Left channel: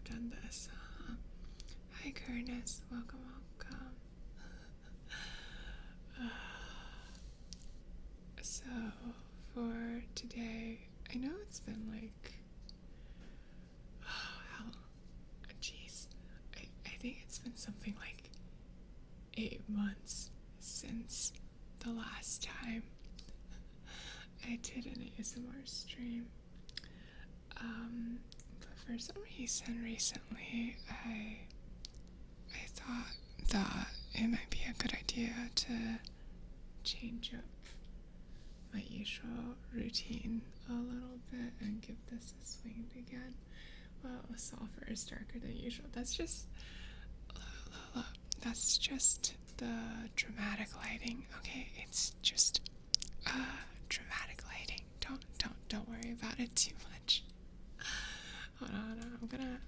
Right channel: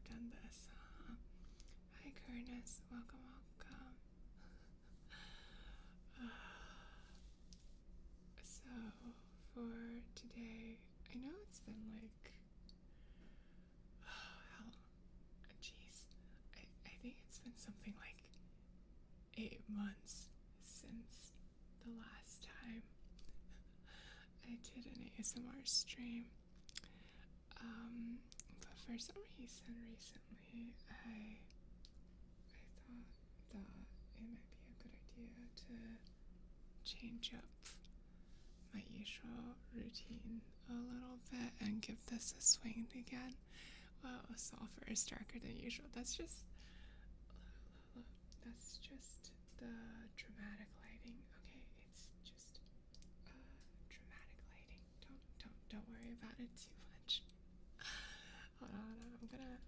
have done this. Hi, Curtis. Welcome, welcome. So, for today, I know it's been like, how, jeez, I think it's been something like 8 months since the last time I did an ASMR stream. But for some reason recently, I thought that it might be a good idea to change up my usual routine a little bit and give this a swing again. Well, sulfur is darker than usual. That's just the dramatic lighting. Okay, it's just dramatic lighting. Don't worry about it too much. Hold on,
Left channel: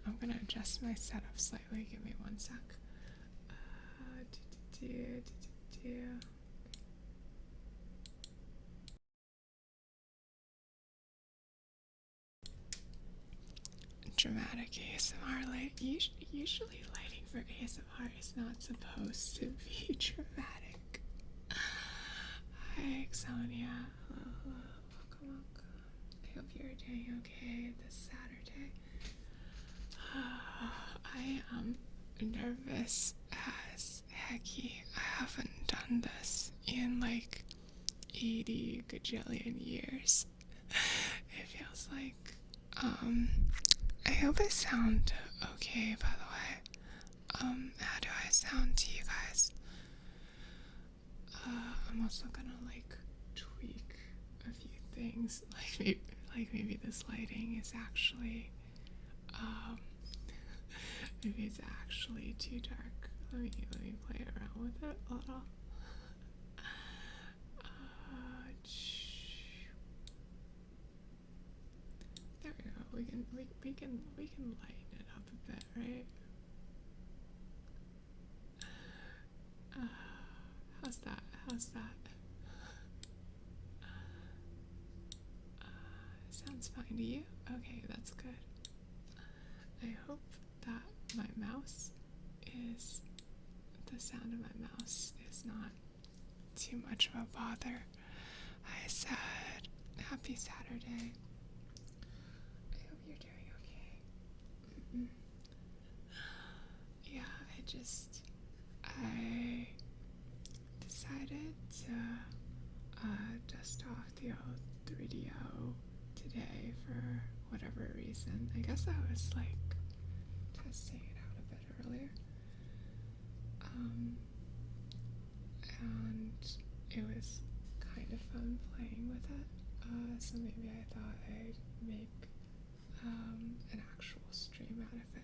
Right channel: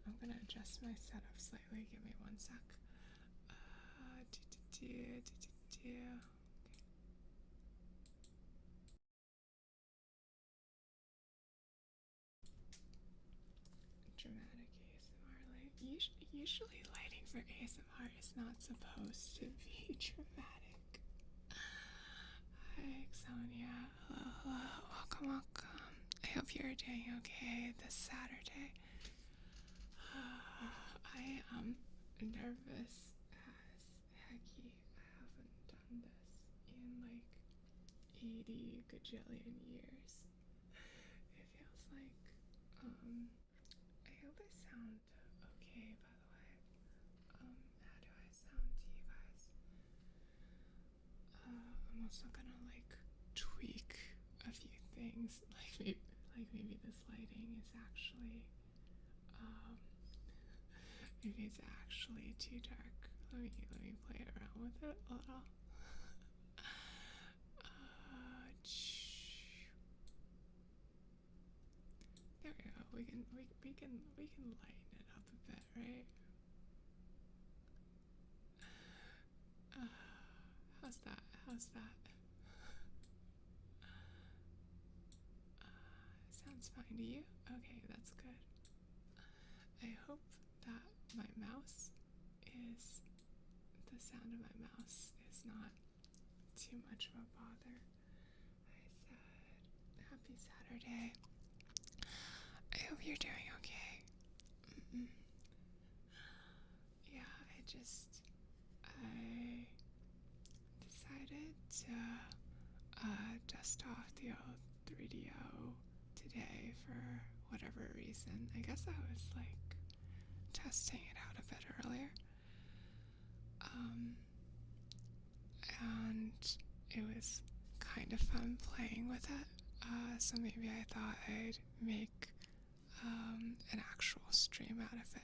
I'm gonna adjust my setup slightly. Give me one sec. Dramatic ASMR light. Usually lighting for ASMR is not supposed to be dramatic. Hi, Xonia. Hello. Welcome. I hope you're doing okay this Saturday. I am nervous as hecky. I haven't done this in like 80 gajillion years. It feels like. I hope I sound okay, by the way. How do I sound to you guys? I'm also gonna like tweak a few things. Maybe this lighting is actually maybe it's actually too dark. Let me play around with it a little. There we go. We can lighten it up a bit, right? How's that? Sounds fine to you? Okay, that's good. I hope that my mouse is the sound of my mouse is not too much of a bother. I said happy Saturday. I hope you're doing okay. Yeah, I decided to dust off the old 3DO today for whatever reason. I guess I was like testing it out a bit earlier. And it was kind of fun playing with it. So maybe I thought I'd make an actual stream out of it.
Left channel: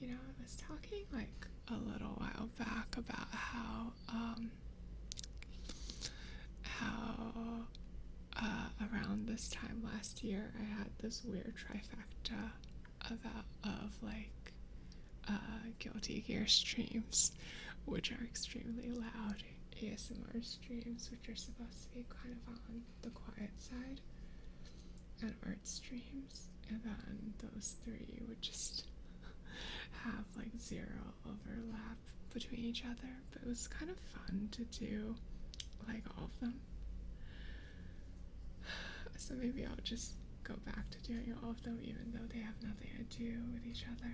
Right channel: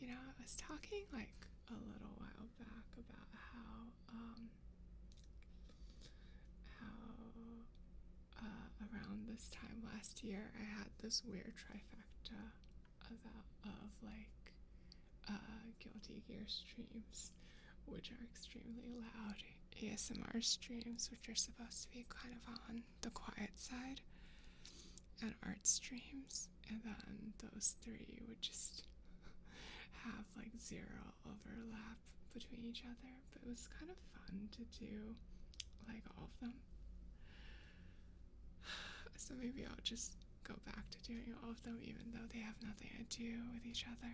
You know, I was talking like a little while back about how around this time last year I had this weird trifecta of like Guilty Gear streams, which are extremely loud ASMR streams, which are supposed to be kind of on the quiet side, and art streams, and then those three would just have like zero overlap between each other. But it was kind of fun to do like all of them. So maybe I'll just go back to doing all of them, even though they have nothing to do with each other.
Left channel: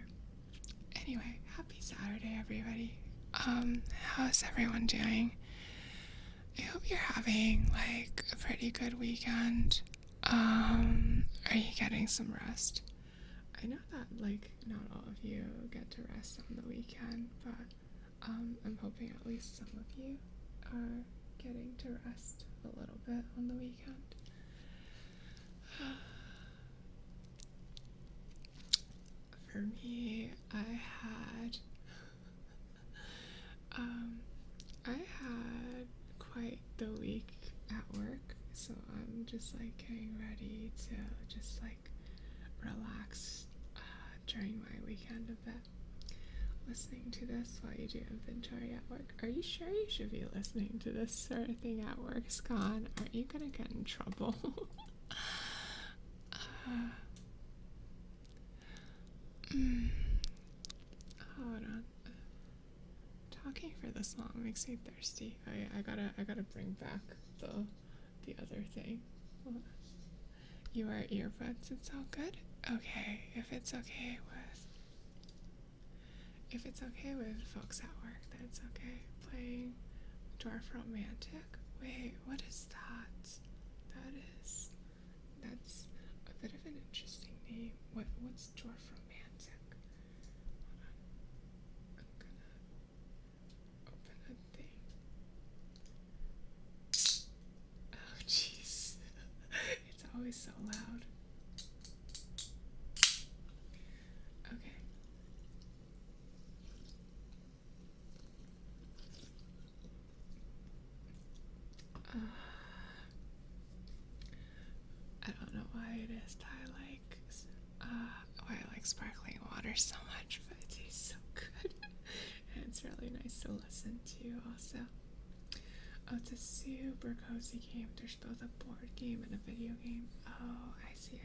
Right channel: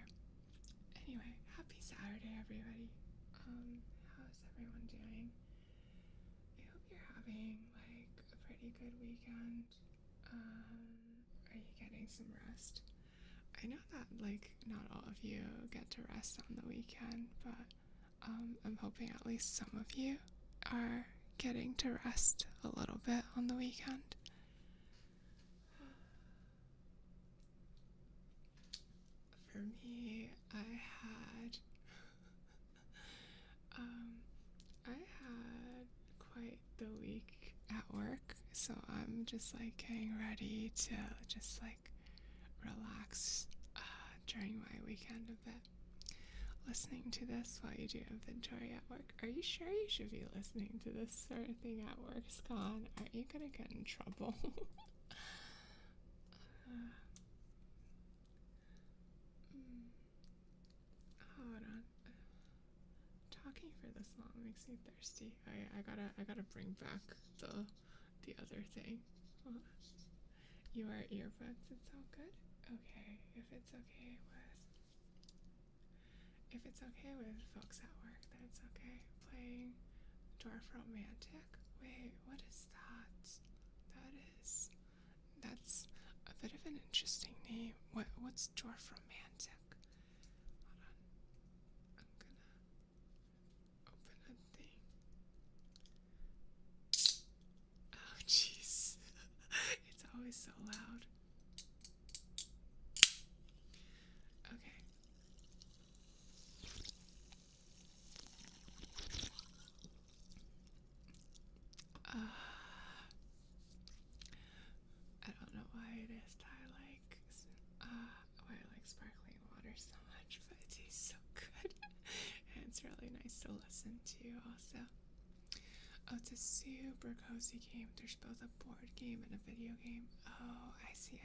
Anyway, happy Saturday, everybody. How's everyone doing? I hope you're having like a pretty good weekend. Are you getting some rest? I know that like not all of you get to rest on the weekend, but I'm hoping at least some of you are getting to rest a little bit on the weekend. For me, I had quite the week at work, so I'm just like getting ready to just like relax during my weekend a bit. Listening to this while you do inventory at work. Are you sure you should be listening to this sort of thing at work, Scon? Aren't you gonna get in trouble? for this long. It makes me thirsty. I gotta bring back the other thing. You wear earbuds, it's all good? Okay, if it's okay with folks at work, then it's okay. Playing Dwarf Romantic. Wait, what is that? That's a bit of an interesting name. What's Dwarf Romantic? Hold on. I'm gonna open a thing. Oh jeez. It's always so loud. Okay. I don't know why it is that why I like sparkling water so much, but it tastes so good. And it's really nice to listen to also. Oh, it's a super cozy game. There's both a board game and a video game. Oh, I see.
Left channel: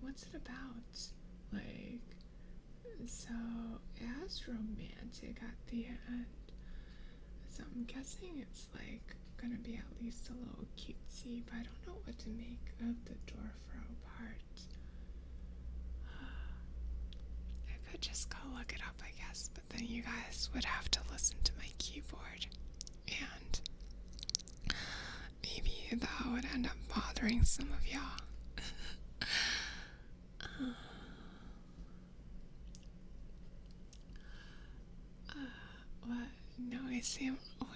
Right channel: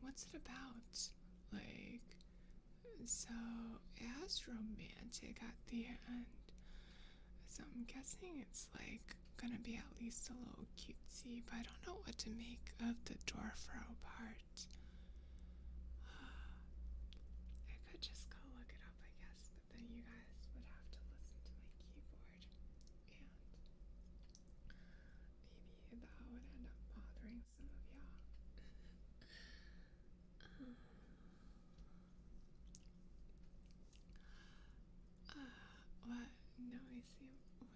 What's it about? Like, so it has romantic at the end. So I'm guessing it's like gonna be at least a little cutesy, but I don't know what to make of the Dwarfro part. I could just go look it up, I guess, but then you guys would have to listen to my keyboard, and maybe that would end up bothering some of y'all. What? No, I see.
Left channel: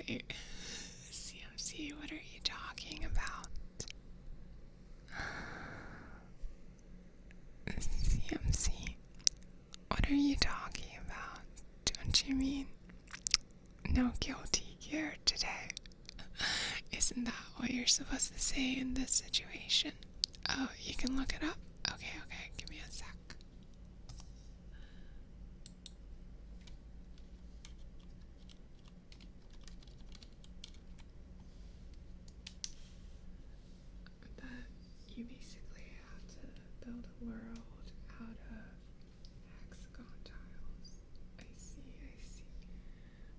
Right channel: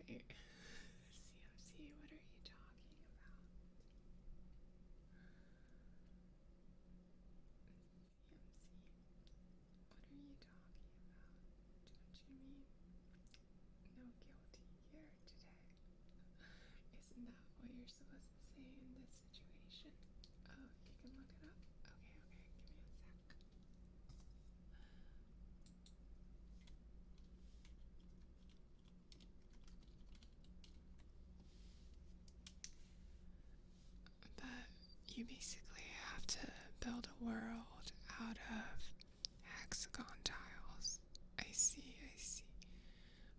Wait. CMC, what are you talking about? CMC, what are you talking about? Don't you mean no guilty gear today? Isn't that what you're supposed to say in this situation? Oh, you can look it up? Okay, give me a sec. But you basically have to build a world out of hexagon tiles. I see.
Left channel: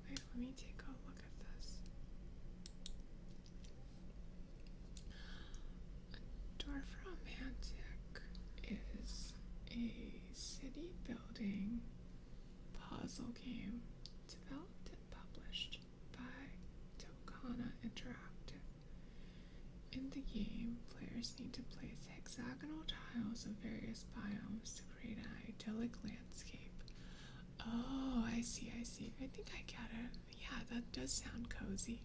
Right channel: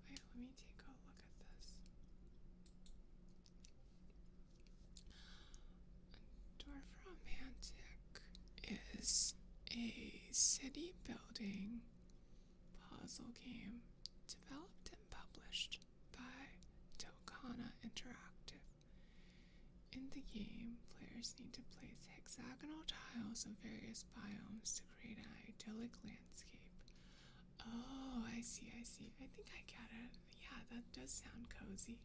Wait, let me take a look at this. Dwarf Romantic is a city building puzzle game developed and published by Tokana Interactive. In the game, players need to place hexagonal tiles of various biomes to create an idyllic landscape. Oh, I see. I think I get it. Yeah, that does sound cozy.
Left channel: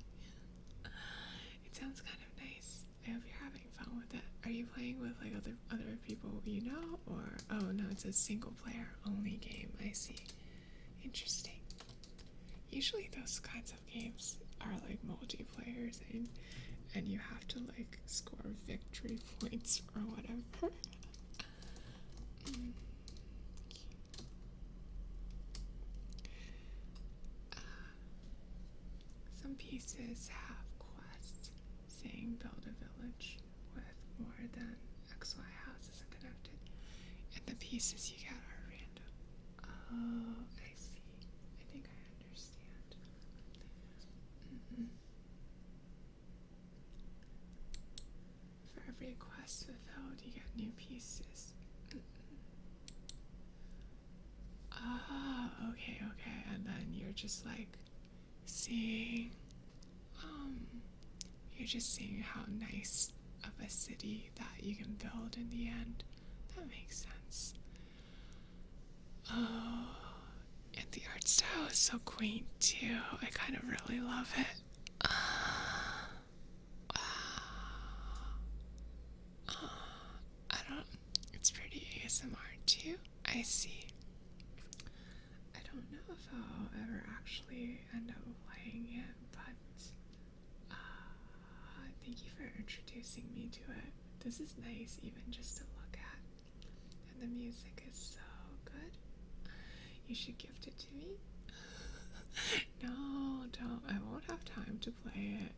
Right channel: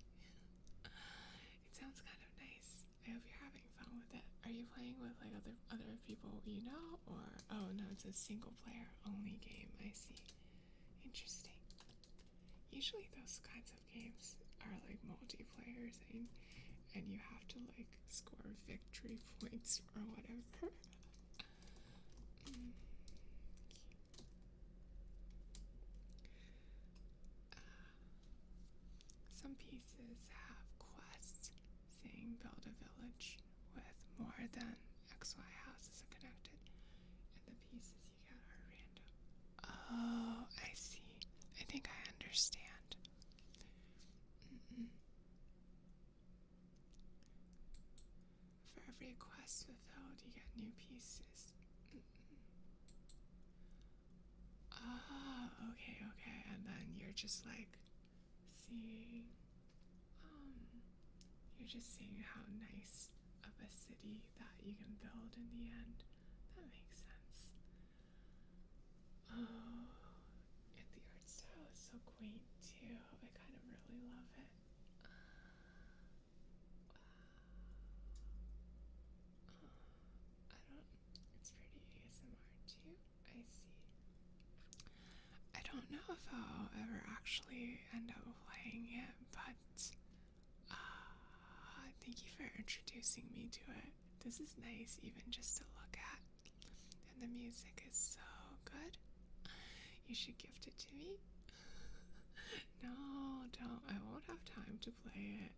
It sounds kind of nice. I hope you're having fun with it. Are you playing with like other people you know, or oh no, it's a single player only game. I see. Interesting. Usually those kinds of games are like multiplayers and you have to like score victory points or whatever. Some pieces have quests saying build a village with more than XY houses connected, and the pieces you get are random. Oh, I see. I think I understand. For every quest fulfilled, you get new pieces. Oh, okay. And then you're just like seeing, you're just seeing how nice of a city that you can build in the end. That makes sense. Oh, and the art style is so quaint too. I kind of really love it. It's pretty ASMR too. I see. I don't know if I'll ever actually end up playing it, but thank you for introducing me to it. This is nice even just to look at. And the music is so good. You should gift it to me. No, don't. I won't have time to play it.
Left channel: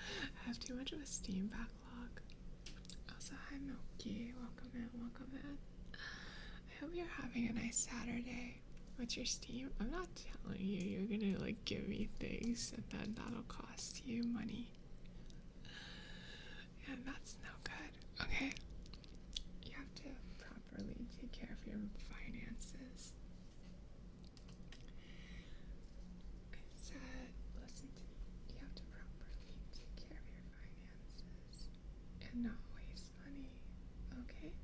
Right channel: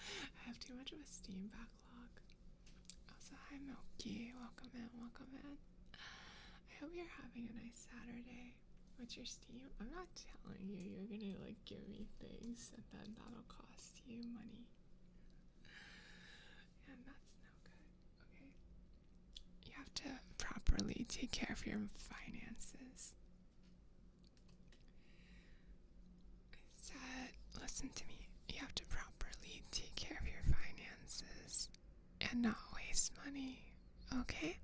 I have too much of a Steam backlog. Also, hi Milky. Welcome in. I hope you're having a nice Saturday. What's your Steam? I'm not telling you. You're gonna like give me things and then that'll cost you money. And that's no good. Okay. You have to properly take care of your finances. I said, listen to me. You have to properly take care of your finances and not waste money. Okay?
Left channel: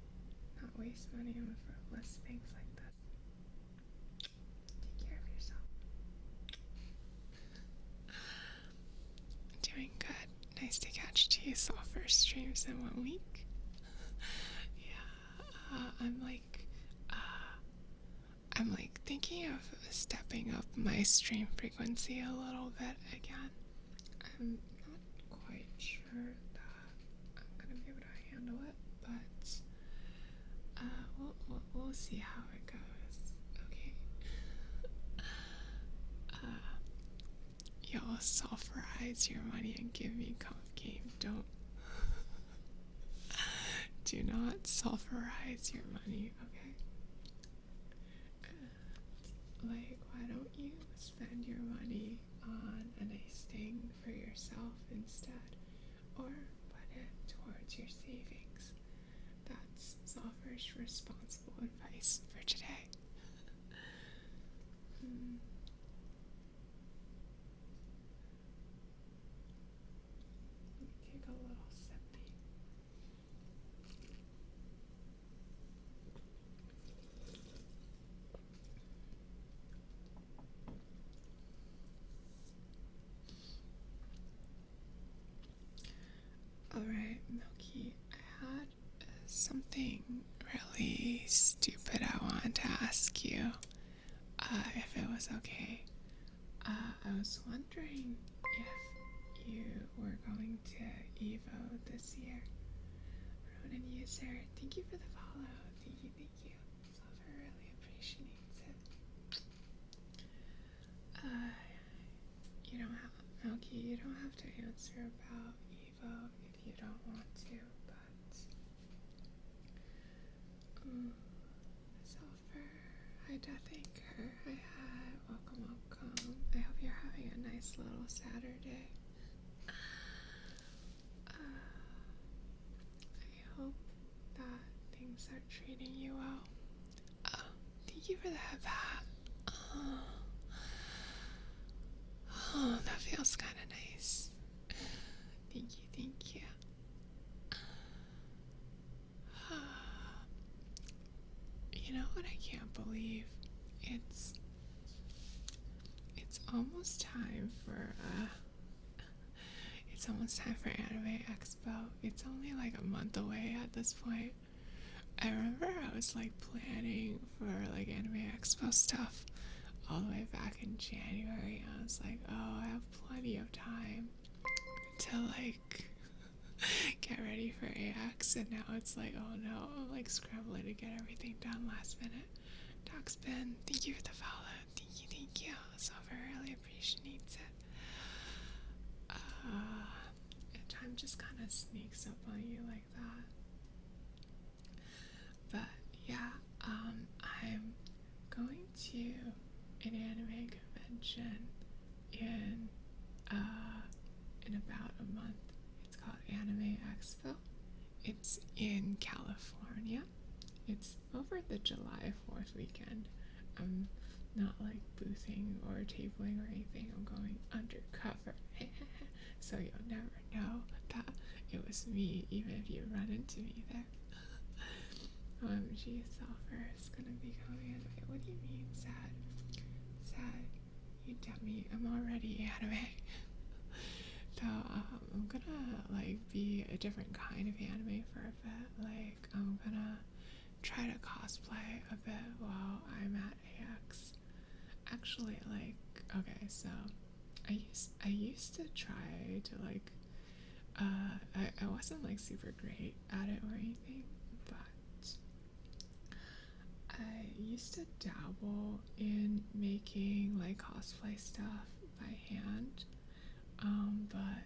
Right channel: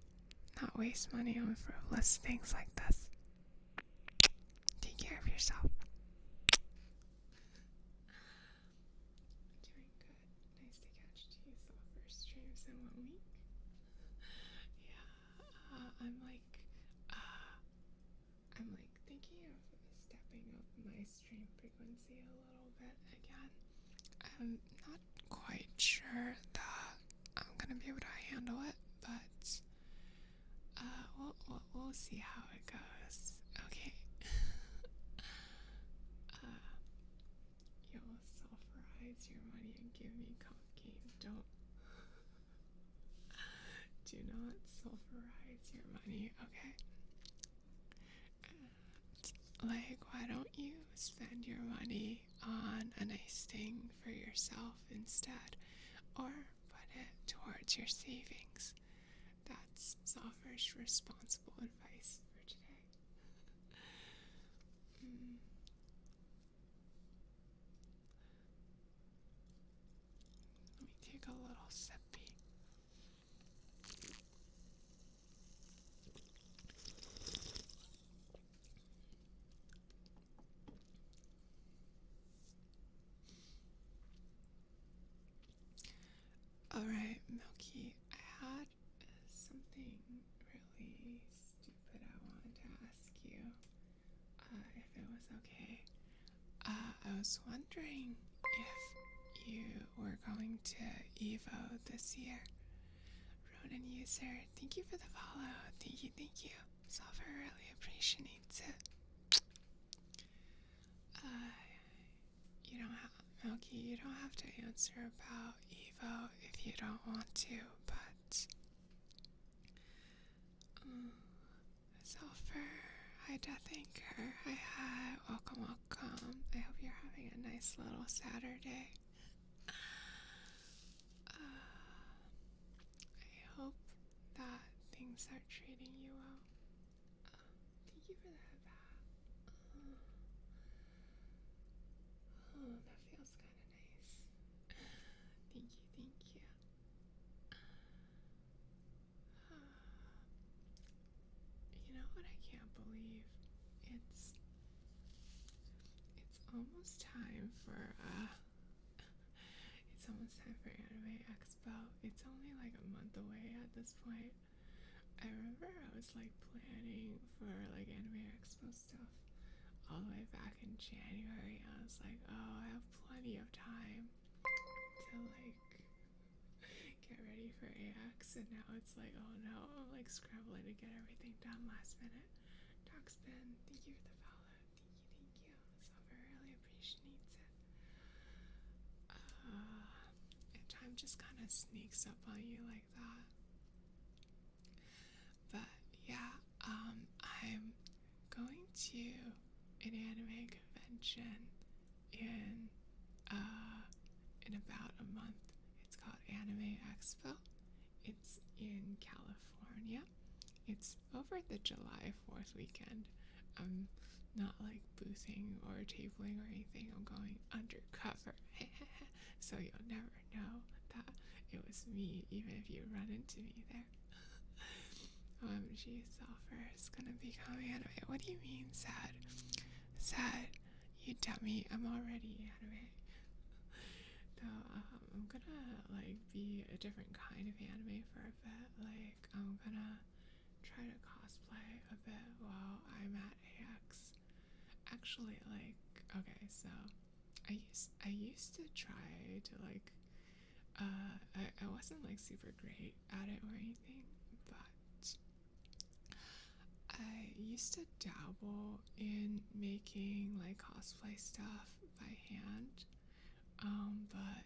Not waste money on frivolous things like this. Take care of yourself. Doing good. Nice to catch two sulfur streams in 1 week. Yeah, I'm like thinking of stepping up my stream frequency a little bit again. I'm not quite sure that I'm gonna be able to handle it, but we'll see how it goes. Okay. You'll sulfurize your money and give me comp game. Do not sulfurize your money, okay? Like, why don't you spend your money on a nice thing for yourself instead? Or put it towards your savings. That's Sulfur's responsible advice for today. Let me take a little sippy. Alright, Milky, I had something really stupid I wanted to ask you, if it was okay. I was wondering if you were going to EVO this year. Ronan user, thank you for the follow. Thank you. Sulfur really appreciates it. You don't have, Milky, you don't have to answer about Evo if you don't want to, but Sulfur, hi Deathanker, hi, welcome. I hope you're having a nice little Saturday. I hope that things are treating you well. Oh, thank you for the head hat. Oh, that feels kind of nice. Thank you. You know what I can't believe? It's almost time for Anime Expo. It's only like a month away at this point. I remember I was like planning for like Anime Expo stuff all the way back in January. I was like, oh, I have plenty of time to like get ready for AX, and now it's like, oh no, I'm like scrambling to get everything done last minute. Doxbin, thank you for the follow. Thank you. Silver really appreciates it. And time just kind of sneaks up on you like that. But yeah, I'm going to an anime convention in about a month. It's called Anime Expo. It's in California. It's over the July 4th weekend. I'm not like boothing or tabling or anything. I'm going undercover. So you'll never know that it was me, even if you run into me there. OMG, Sulfur is gonna become anime. What do you mean, sad? Sad, you dummy. I'm already anime. Though, I'm gonna like be a different kind of anime for a bit. Like, I'm gonna try to cosplay a bit while I'm at AX. Actually, like, okay, so I used to try to like I wasn't like super great at it or anything, but I used to dabble in making like cosplay stuff by hand. But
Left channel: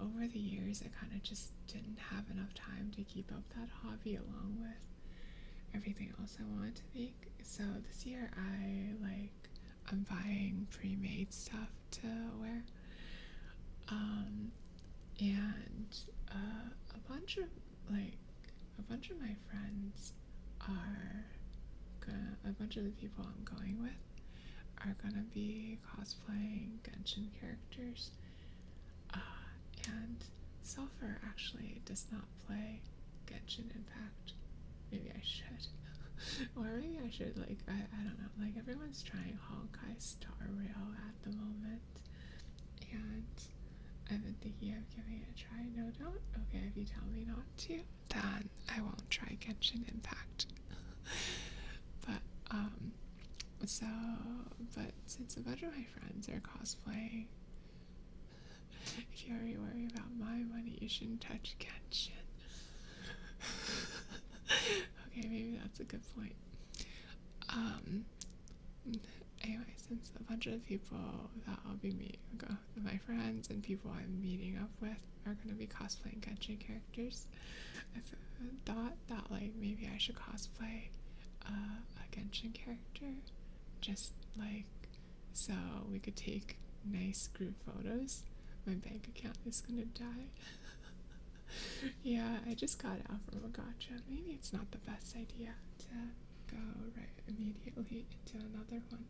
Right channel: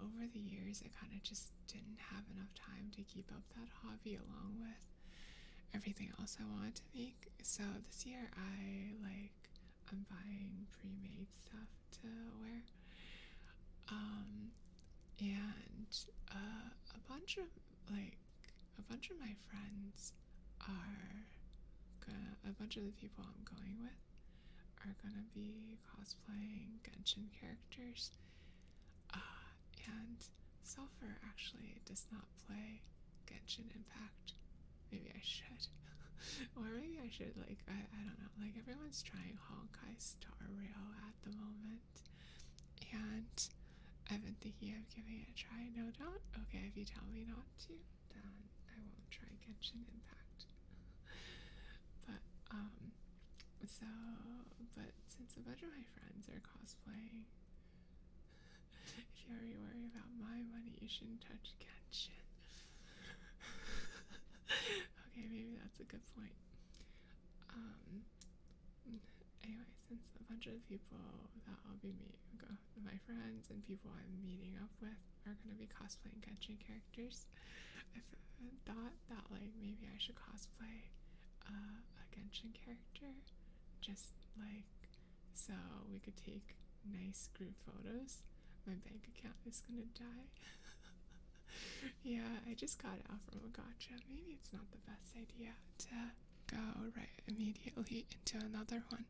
over the years I kind of just didn't have enough time to keep up that hobby along with everything else I wanted to make. So this year I'm buying pre-made stuff to wear. And a bunch of my friends are a bunch of the people I'm going with are gonna be cosplaying Genshin characters. And Sulfur actually does not play Genshin Impact. Maybe I should. Or maybe I should, I don't know, everyone's trying Honkai Star Rail at the moment. And I've been thinking of giving it a try. No, don't? Okay, if you tell me not to, then I won't try Genshin Impact. But since a bunch of my friends are cosplaying, if you already worry about my money, you shouldn't touch Genshin. Okay, maybe that's a good point. Anyway, since a bunch of the people that I'll be meeting, my friends and people I'm meeting up with are going to be cosplaying Genshin characters, I thought that maybe I should cosplay a Genshin character, just so we could take nice group photos. My bank account is gonna die. Yeah, I just got out from a gacha. Maybe it's not the best idea to go right immediately into another one.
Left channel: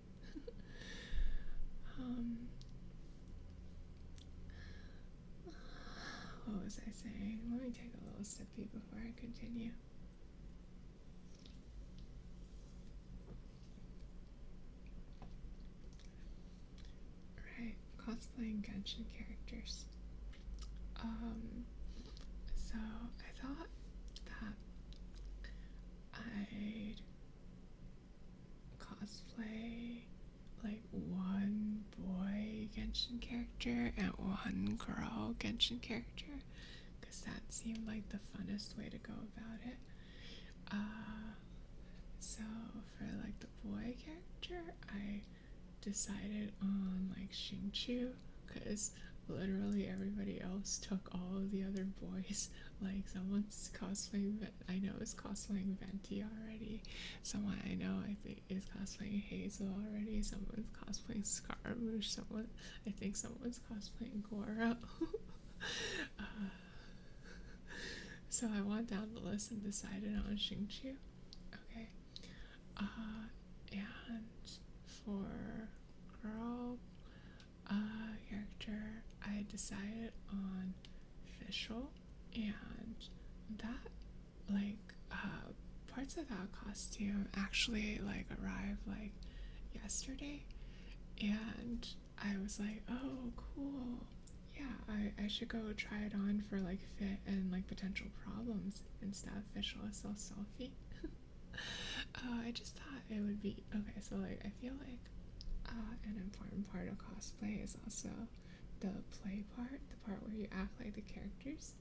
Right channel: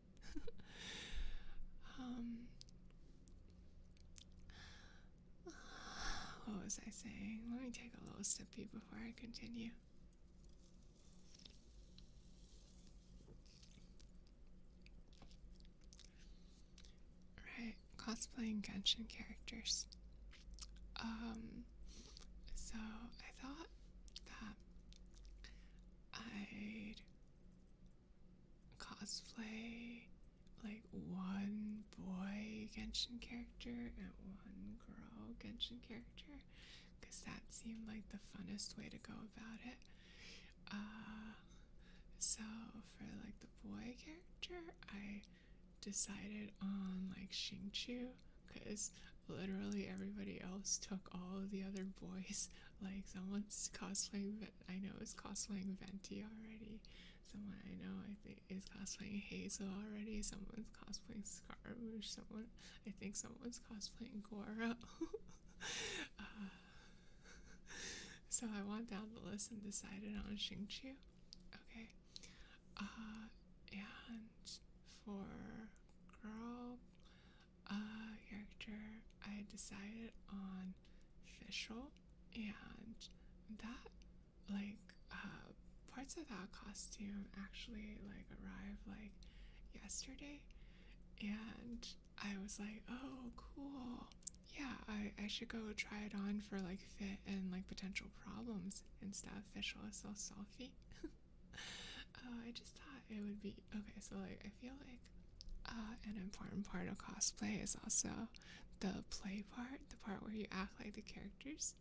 What was I saying? Let me take a little sippy before I continue. Right, cosplaying Genshin characters. So I thought that I'd cosplay one boy Genshin character and one girl Genshin character, because that seemed like the funnest way to go about it. So for the boy character, I decided on Xingqiu, because literally everybody else took all of the other boys. Someone's cosplaying, I know is cosplaying Venti already. Someone I know I think is cosplaying Hazel already. Someone's cosplaying Scaramouche. I think someone's cosplaying Goro. So I went down the list and decided on Xingqiu. Okay. And for girl character, I decided on Fischl, and that parts of that costume actually arrived yesterday, and I was like, oh cool, yeah, I should go try it on for fit and potential problems and stuff. Fischl is so selfie. I just thought it would be okay. So I feel an important part of cosplay is also the play part, the part where you act like the characters.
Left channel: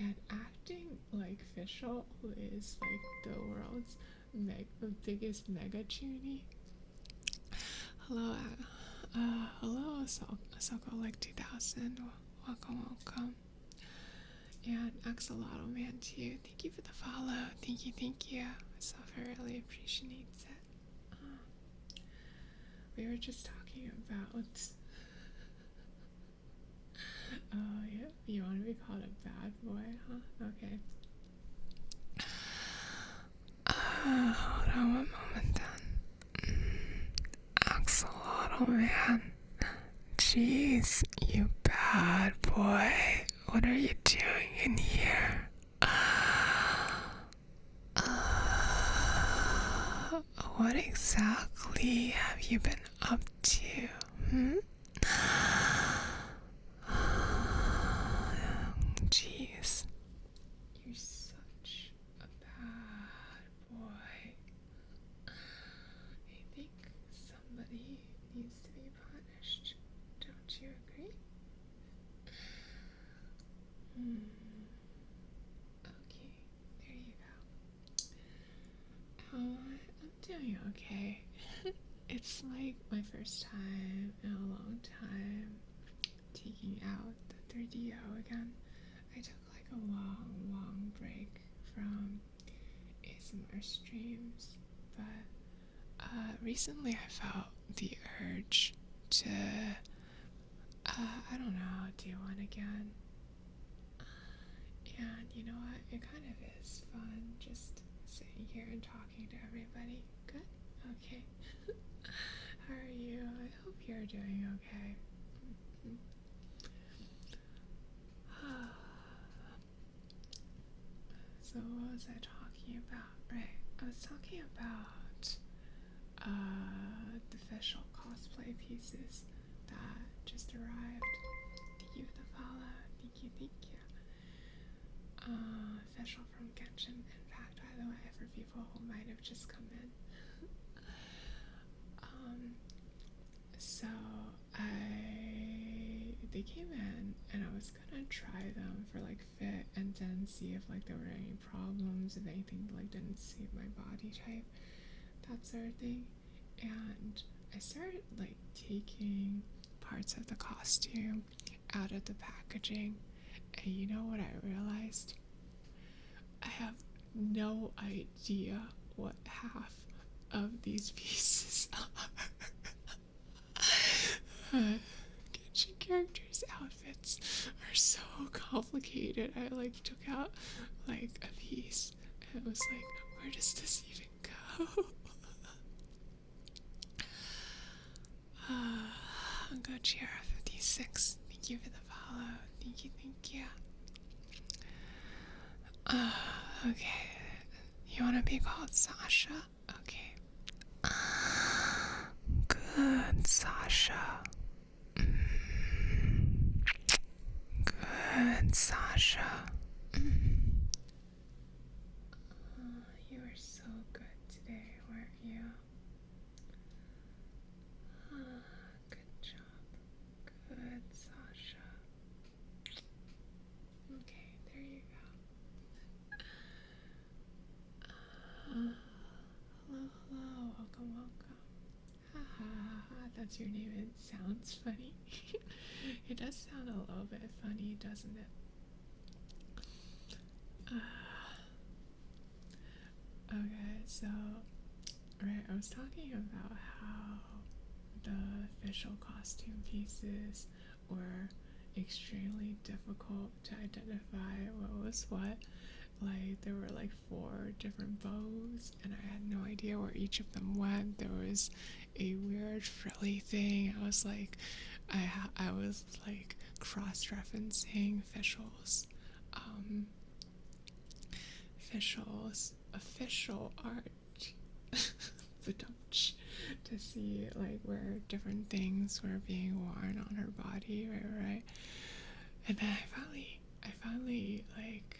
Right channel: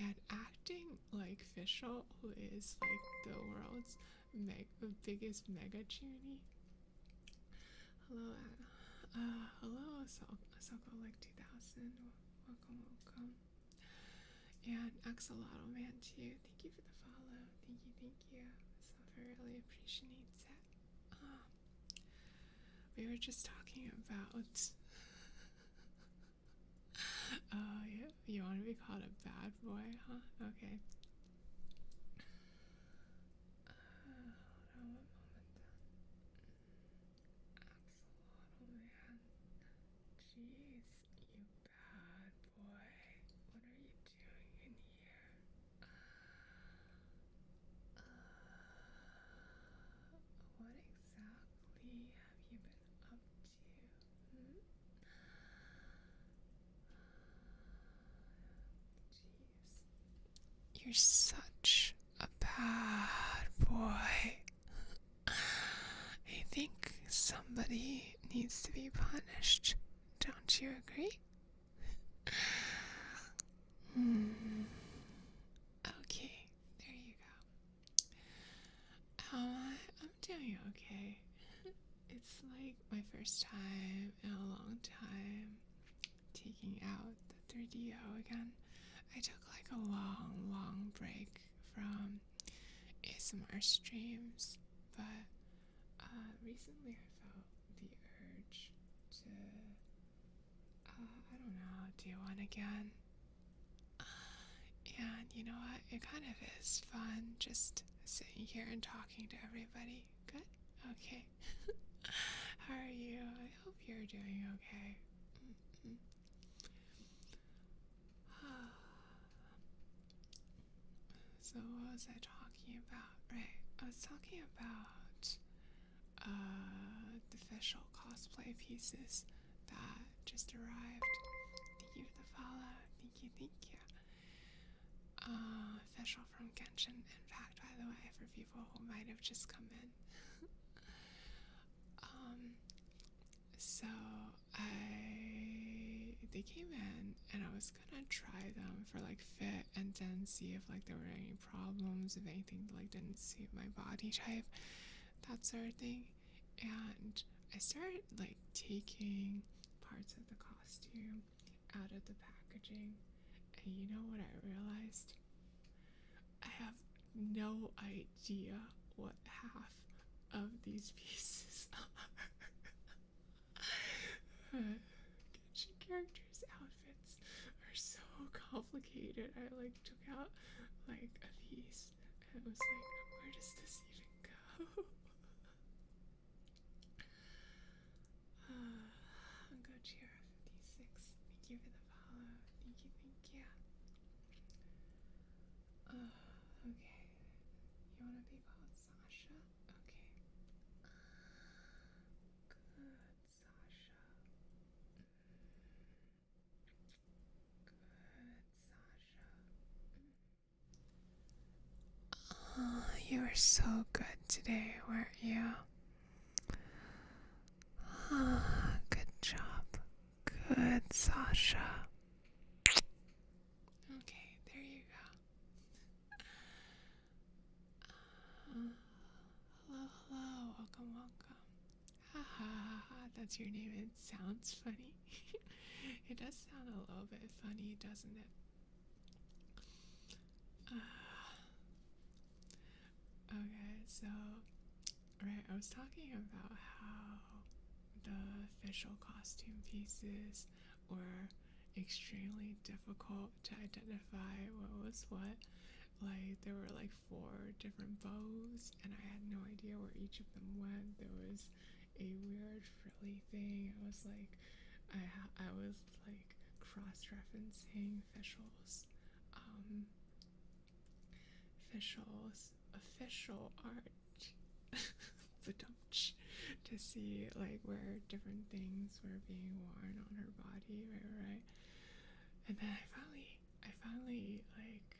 And acting like Fischl, who is the world's biggest mega chuny. Hello, Ahsoka 2000. Welcome. And Axolotl Man too. Thank you for the follow. Thank you. Myself, I really appreciates it. We were just talking about. Yeah, you want to be called a bad boy, huh? Okay. Hold on one moment then. Axolotl Man. Jeez, you bad boy. What are you doing in here? What exactly have you been up to? Jeez, you're such a bad boy. I think somebody needs to be punished. Don't you agree? Okay, there you go. I'm doing okay. It's my first time in a long time taking out the 3DO again. I took a long break from a ASMR streams, but recently I felt the urge to, I don't know, do one again. And you know what? It kind of is fun just sitting here and talking to everybody. Good? Okay. How are you? I hope you're doing okay. So what was I talking about? Right, I was talking about the official cosplay pieces that just arrived. Thank you for the follow. Thank you, thank you. Official from Genshin Impact, by the way, for people who might have just come in. So they came in and I was gonna try them for like fit and then see if like there were any problems, if anything like didn't suit my body type, that sort of thing. And I started like taking parts of the costume out of the packaging, and you know what I realized? I have no idea what half of these pieces are. Genshin characters' outfits are so complicated. I like took out like a piece and it was like, where does this even go? Gojira56, thank you for the follow. Thank you, thank you. Okay. You wanna be called Sasha? Okay. Good, Sasha. Good, Sasha. You were so good today, weren't you? Good job. Good, Sasha. Okay, there you go. Hello, hello. Welcome, welcome. Ha ha ha ha. That's your name. It sounds funny. It does sound a little bit funny, doesn't it? Okay, so, right, I was talking about how the official costume pieces were extremely difficult to identify what was what. Like, there were like 4 different bows, and I had no idea where each of them went. There was a weird frilly thing. I was like, I was like cross-referencing official art to see like where different things were being worn on her body, right? And then I finally like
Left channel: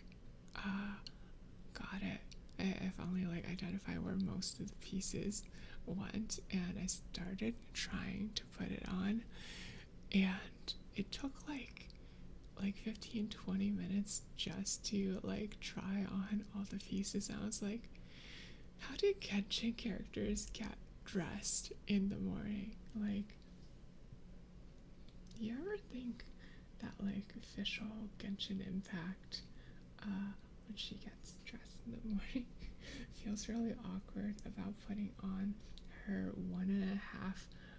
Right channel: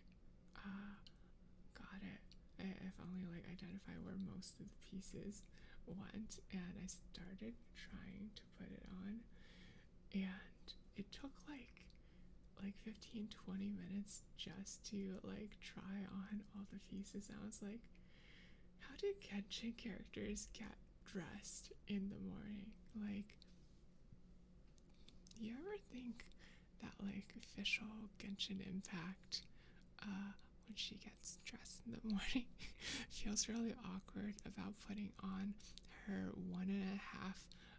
got it. I finally like identified where most of the pieces went, and I started trying to put it on, and it took like 15-20 minutes just to like try on all the pieces. I was like, how do Genshin characters get dressed in the morning? Like, do you ever think that like official Genshin Impact when she gets dressed in the morning feels really awkward about putting on her 1.5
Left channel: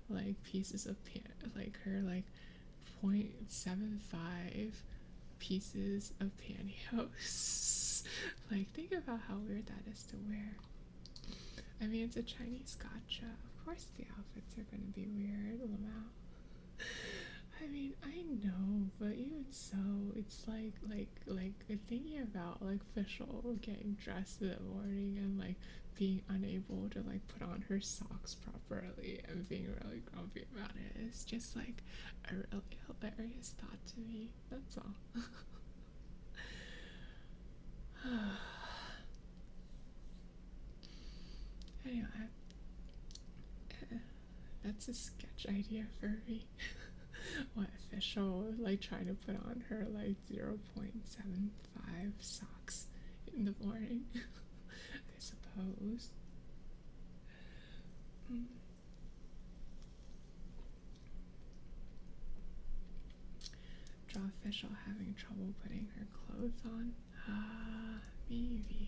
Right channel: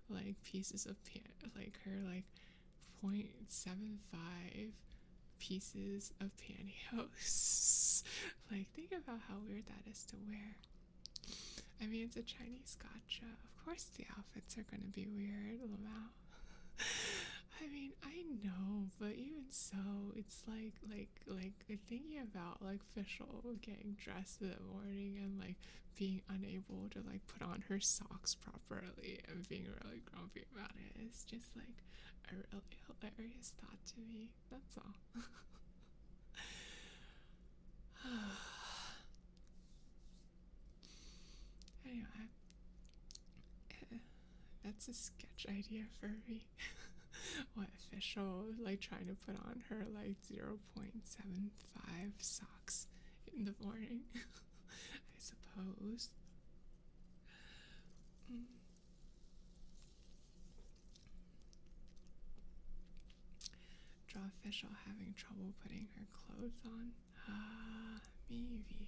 like pieces of like her like 0.75 pieces of pantyhose. Like, think about how weird that is to wear. I mean, it's a Chinese gacha. Of course the outfits are gonna be weird, Lamau. I mean, I know, but even so, it's like thinking about like Fischl getting dressed in the morning and like being unable to like put on her socks properly and being really grumpy about it. It's just like a really hilarious thought to me. That's all. Anyway, that's a sketch idea for me. What Fischl like trying to put on her like 0.75 socks in the morning, I suppose. Draw Fischl having trouble putting her clothes on. Maybe.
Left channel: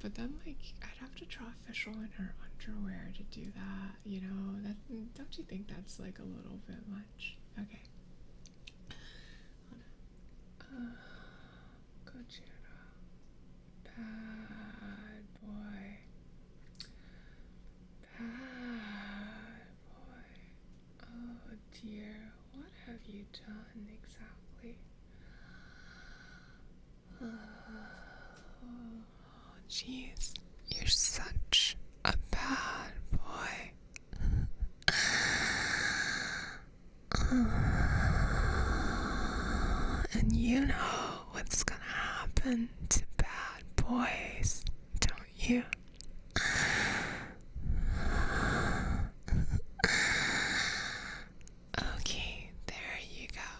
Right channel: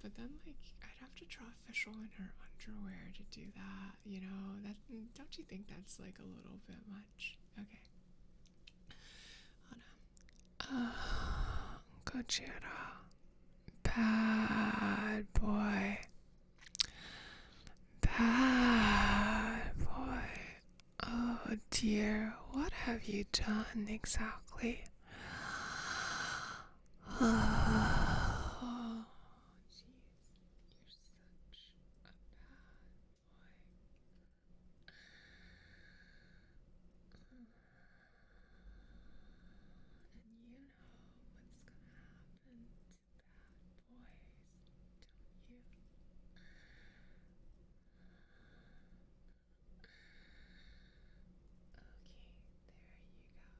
But then, like, I'd have to draw official in her underwear to do that, you know? That, don't you think that's, like, a little bit much? Okay. Hold on. Gojira. Bad boy. Bad boy. Oh dear, what have you done exactly? Oh, jeez, you're such a bad boy. And you know what's gonna happen to bad boys, don't you? Okay, there you go.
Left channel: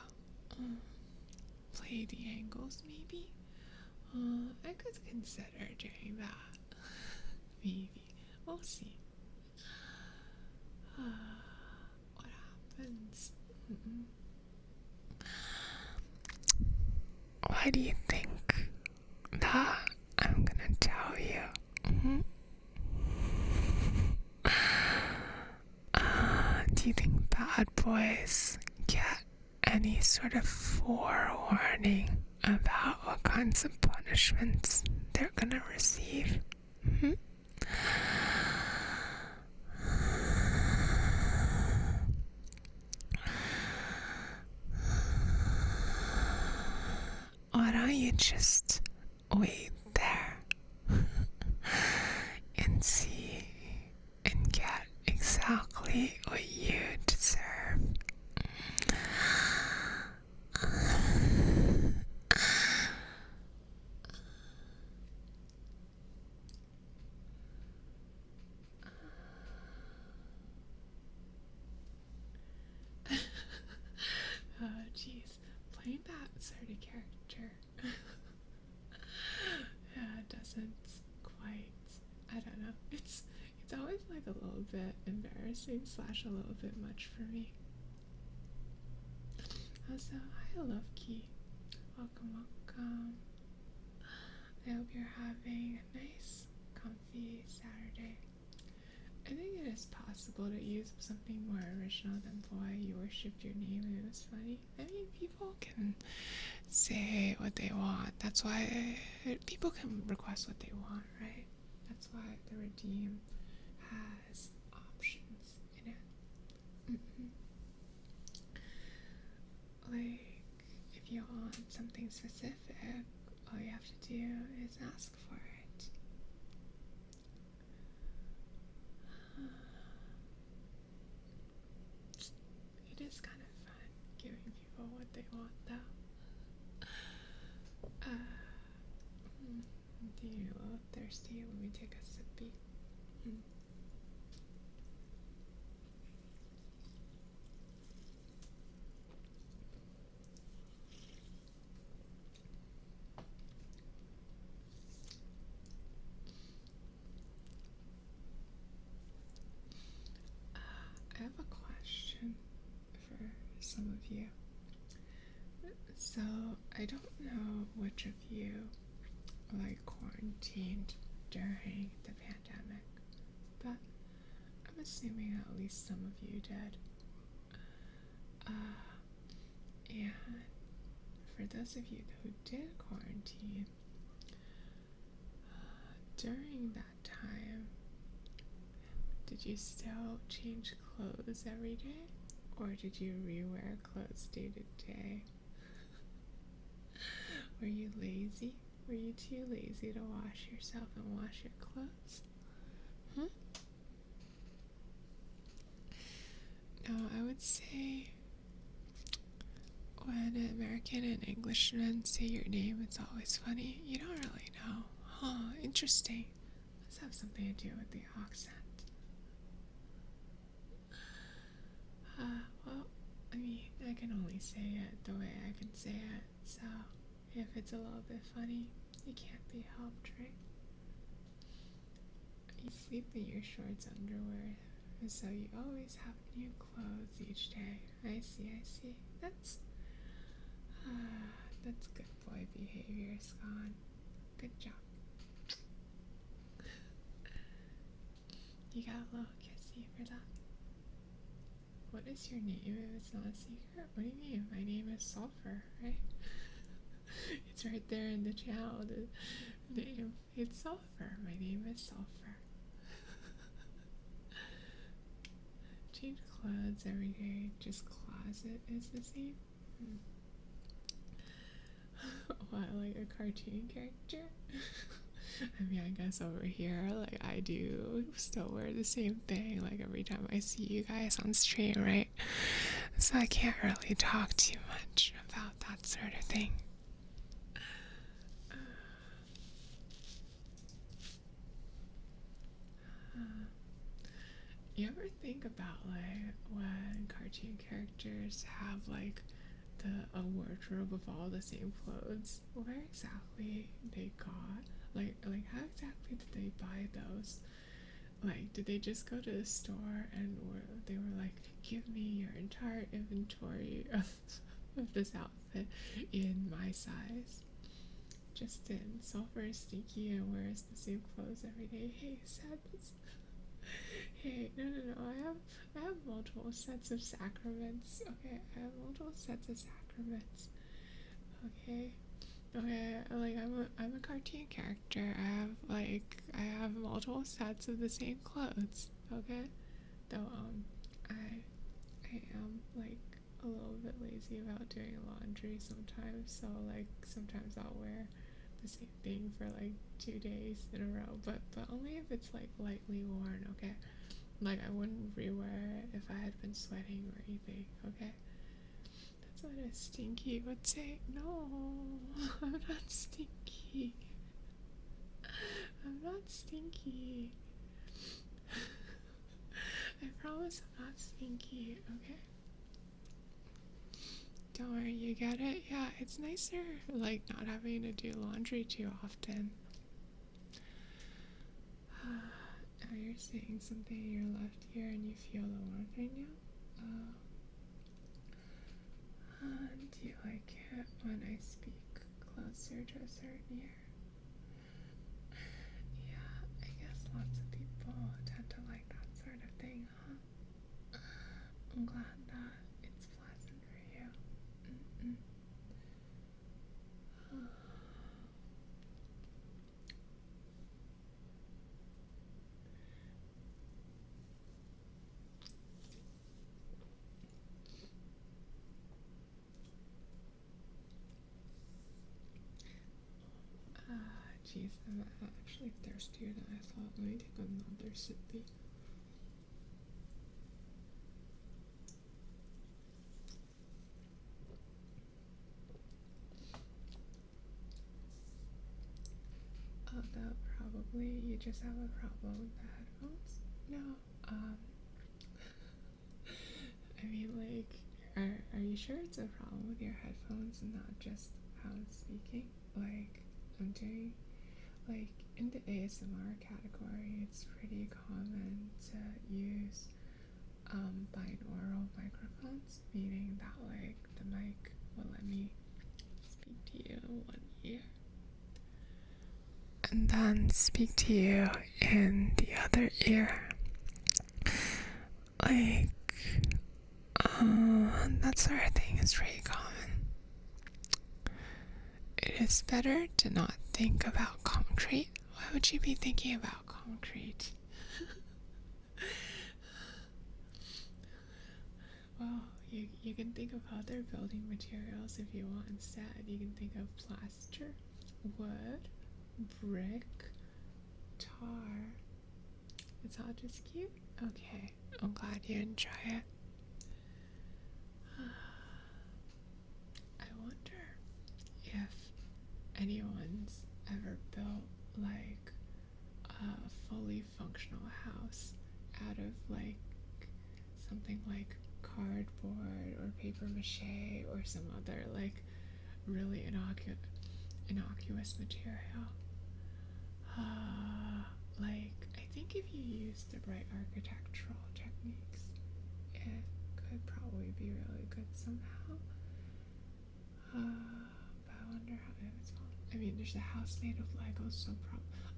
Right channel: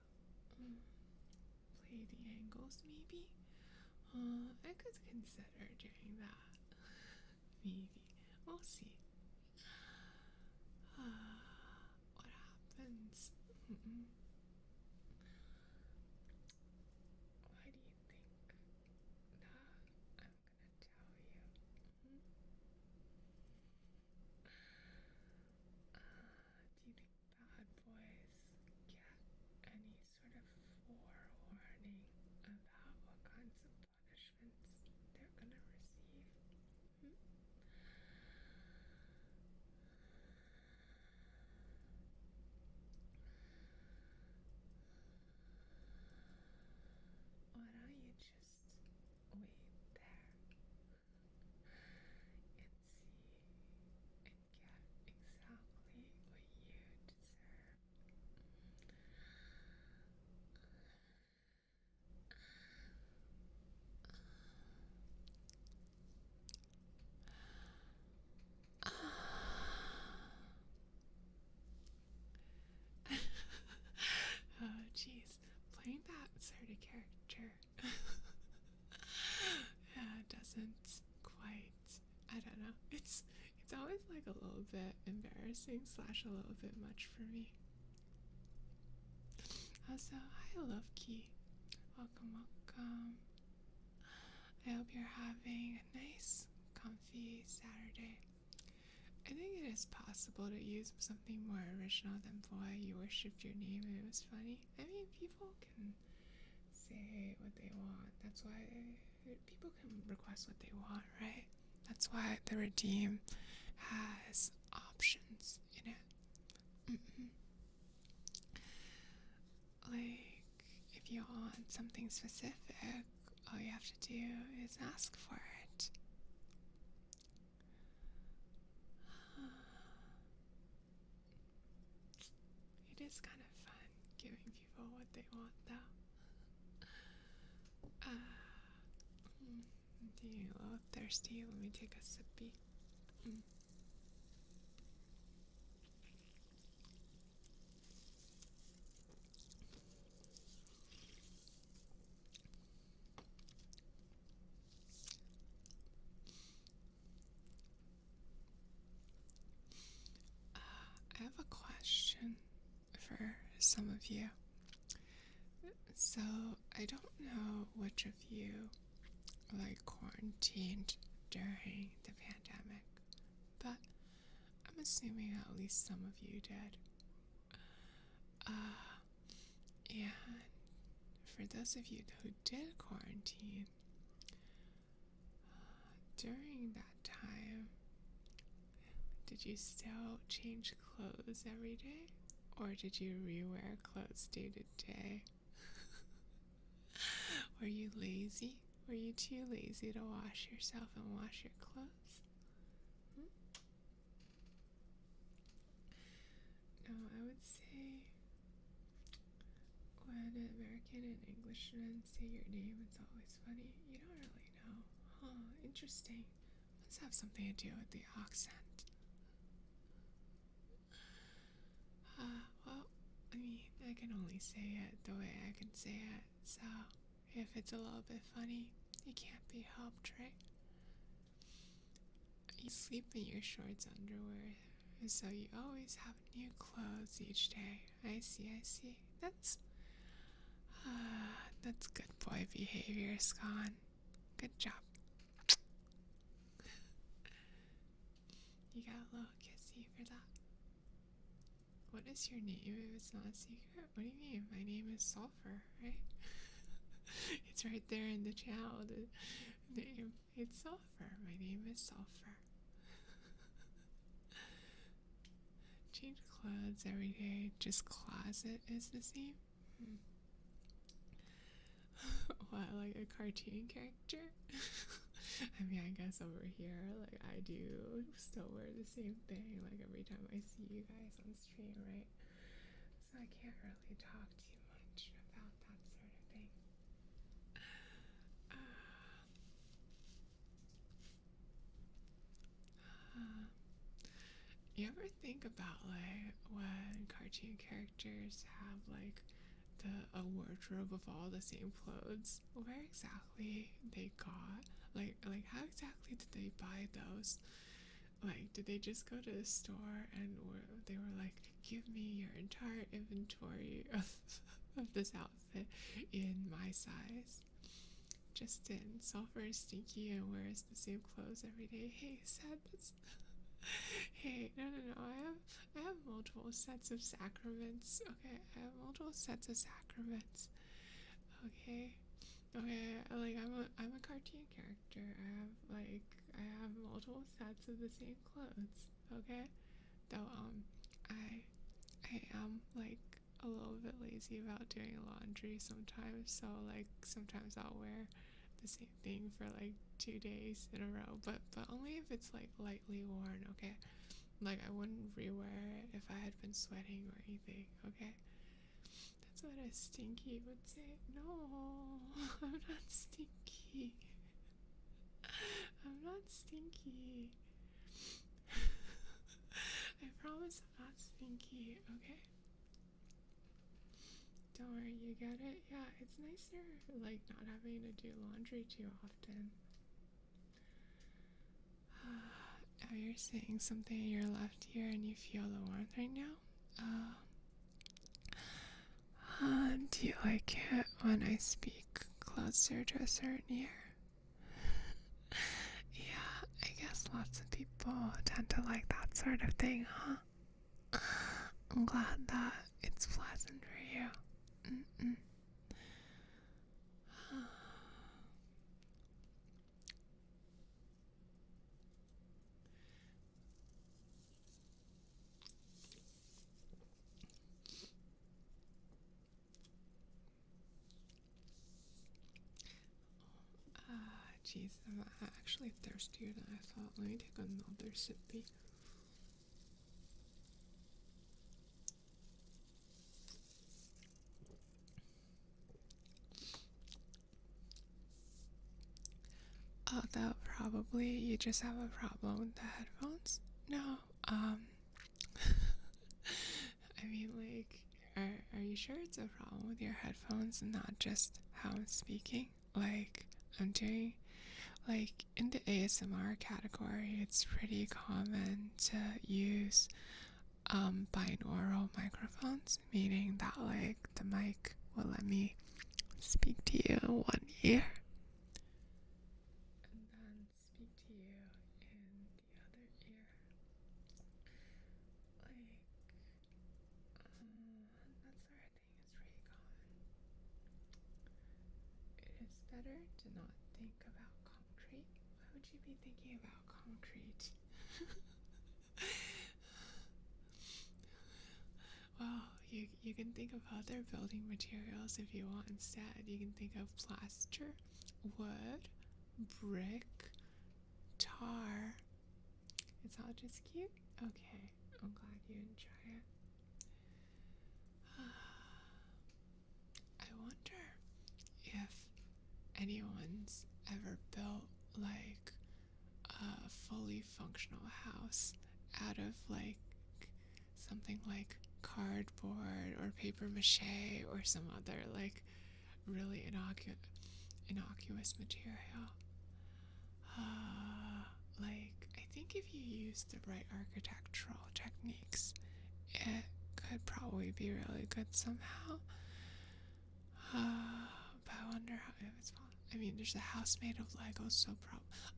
Play the angles, maybe? I could consider doing that. Maybe. We'll see. What happens? Why do you think that I'm gonna tell you? Do you think bad boys get any sort of forewarning about what kinds of punishments they're gonna receive? Why don't you just wait there and see and get exactly what you deserve? Oh, jeez. Playing that sort of character doesn't quite. I don't know. It's always like a little bit embarrassing / a little bit much for me. Also, hi Loki. Welcome, welcome. I hope you're having a nice, comfy Saturday. I think it is possible to use something more original than boy, you worshipped your name and it was funny. I mean, people can say what they want. That's why people can request what they want, right? That's why the Redeem has options in it. Like, if you want something specific, all you have to do is ask for it. It is kind of fun giving people what they want, though. I'm feeling a little thirsty. Let me take a sippy. I have a question for some of you. So, I don't know which of you like quarantined during the pandemic, but I'm assuming at least some of you did. And for those of you who did quarantine, during that time, did you still change clothes every day? Or did you rewear clothes day to day? Were you lazy? Were you too lazy to wash yourself and wash your clothes? No, I would say when an American and Englishmen say your name, it's always funny. You don't really know. Huh, interesting. Let's have something to do with the accent. Well, I mean, I can only say it the way I can say it, so if it's a little bit funny, it can't be helped, right? You sleep in your shorts underwear, so you always have new clothes each day. I see. That's good boy behavior, Scon. Good job. You got a little kissy for that. What is your name if it's not a secret? What do you mean? My name is Sulfur, right? It's right there in the channel. The name. It's Sulfur. My name is Sulfur. Change clothes every day. Just closet is the same. What, like a cartoon character? I mean, I guess over here, like, I do still wear the same thing, like, every time I see you guys on stream, right? So I can't really talk too much about that sort of thing. You ever think about, like, when cartoon characters have, like, a wardrobe of all the same clothes, where exactly they got, like how exactly did they buy those? Like, did they just go to the store and they were like, give me your entire inventory of this outfit in my size? Justin, Sulfur is stinky and wears the same clothes every day. Hey, sadness. Hey, no. I have multiple sets of sacraments. Okay, I have multiple sets of sacraments. Okay. Okay, like I'm a cartoon character. I have multiple sets of the same clothes. Okay, though I am like a little bit lazy about doing laundry sometimes. So like sometimes I'll wear the same thing for like 2 days in a row. But only if it's like lightly worn. Okay, like I wouldn't rewear it if I had been sweating or anything. Okay. That's what a stinky would say. No, I'm not stinky. I'm not stinky. I promise I'm not stinky, okay? Don't worry, you get it? Yeah, it's nicer, like, not having to do laundry too often. Oh, you're saying something in your left ear and you feel the warmth right now? Do you like it when I speak closer to a certain ear? Yeah, I guess lots of people tend to like that sort of thing, huh? I'm glad that it's pleasant for you. Jeez, I'm actually thirstier than I thought. Let me take another sippy. Oh, that probably you just have a problem with the headphones. No, I mean, like, are you sure it's a problem with your headphones and not just how I'm speaking? Like, I'm doing, like, in the ASMR category, it's pretty common to use binaural microphones, meaning that, like, the mic will let me speak to you in one ear and then speak to you in the other ear. Like, that sort of thing is pretty common. It is better to not think about concrete. Why would you be thinking about concrete? Well, you can think of other building materials if you want instead. You can think of plaster, wood, brick, tar. It's all just cute? Okay, I'm glad you enjoy it. I wonder if anyone's ever built like a fully functional house out of like something like cardboard or paper mache or some other like really innocuous material. Like, I think if you use the right architectural techniques, it could probably be really good somehow. But I wonder how it was built. I mean, there's a house made of Legos, so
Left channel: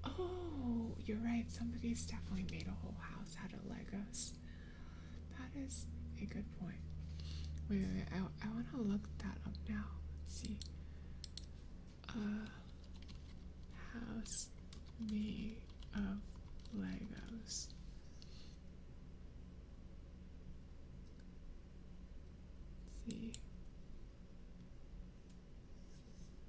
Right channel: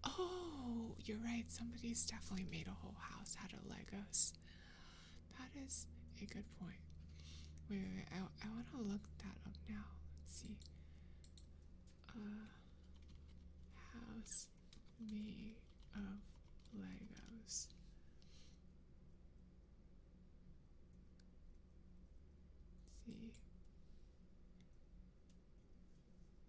oh, you're right. Somebody's definitely made a whole house out of Legos. That is a good point. Wait. I want to look that up now. Let's see. House made of Legos. See.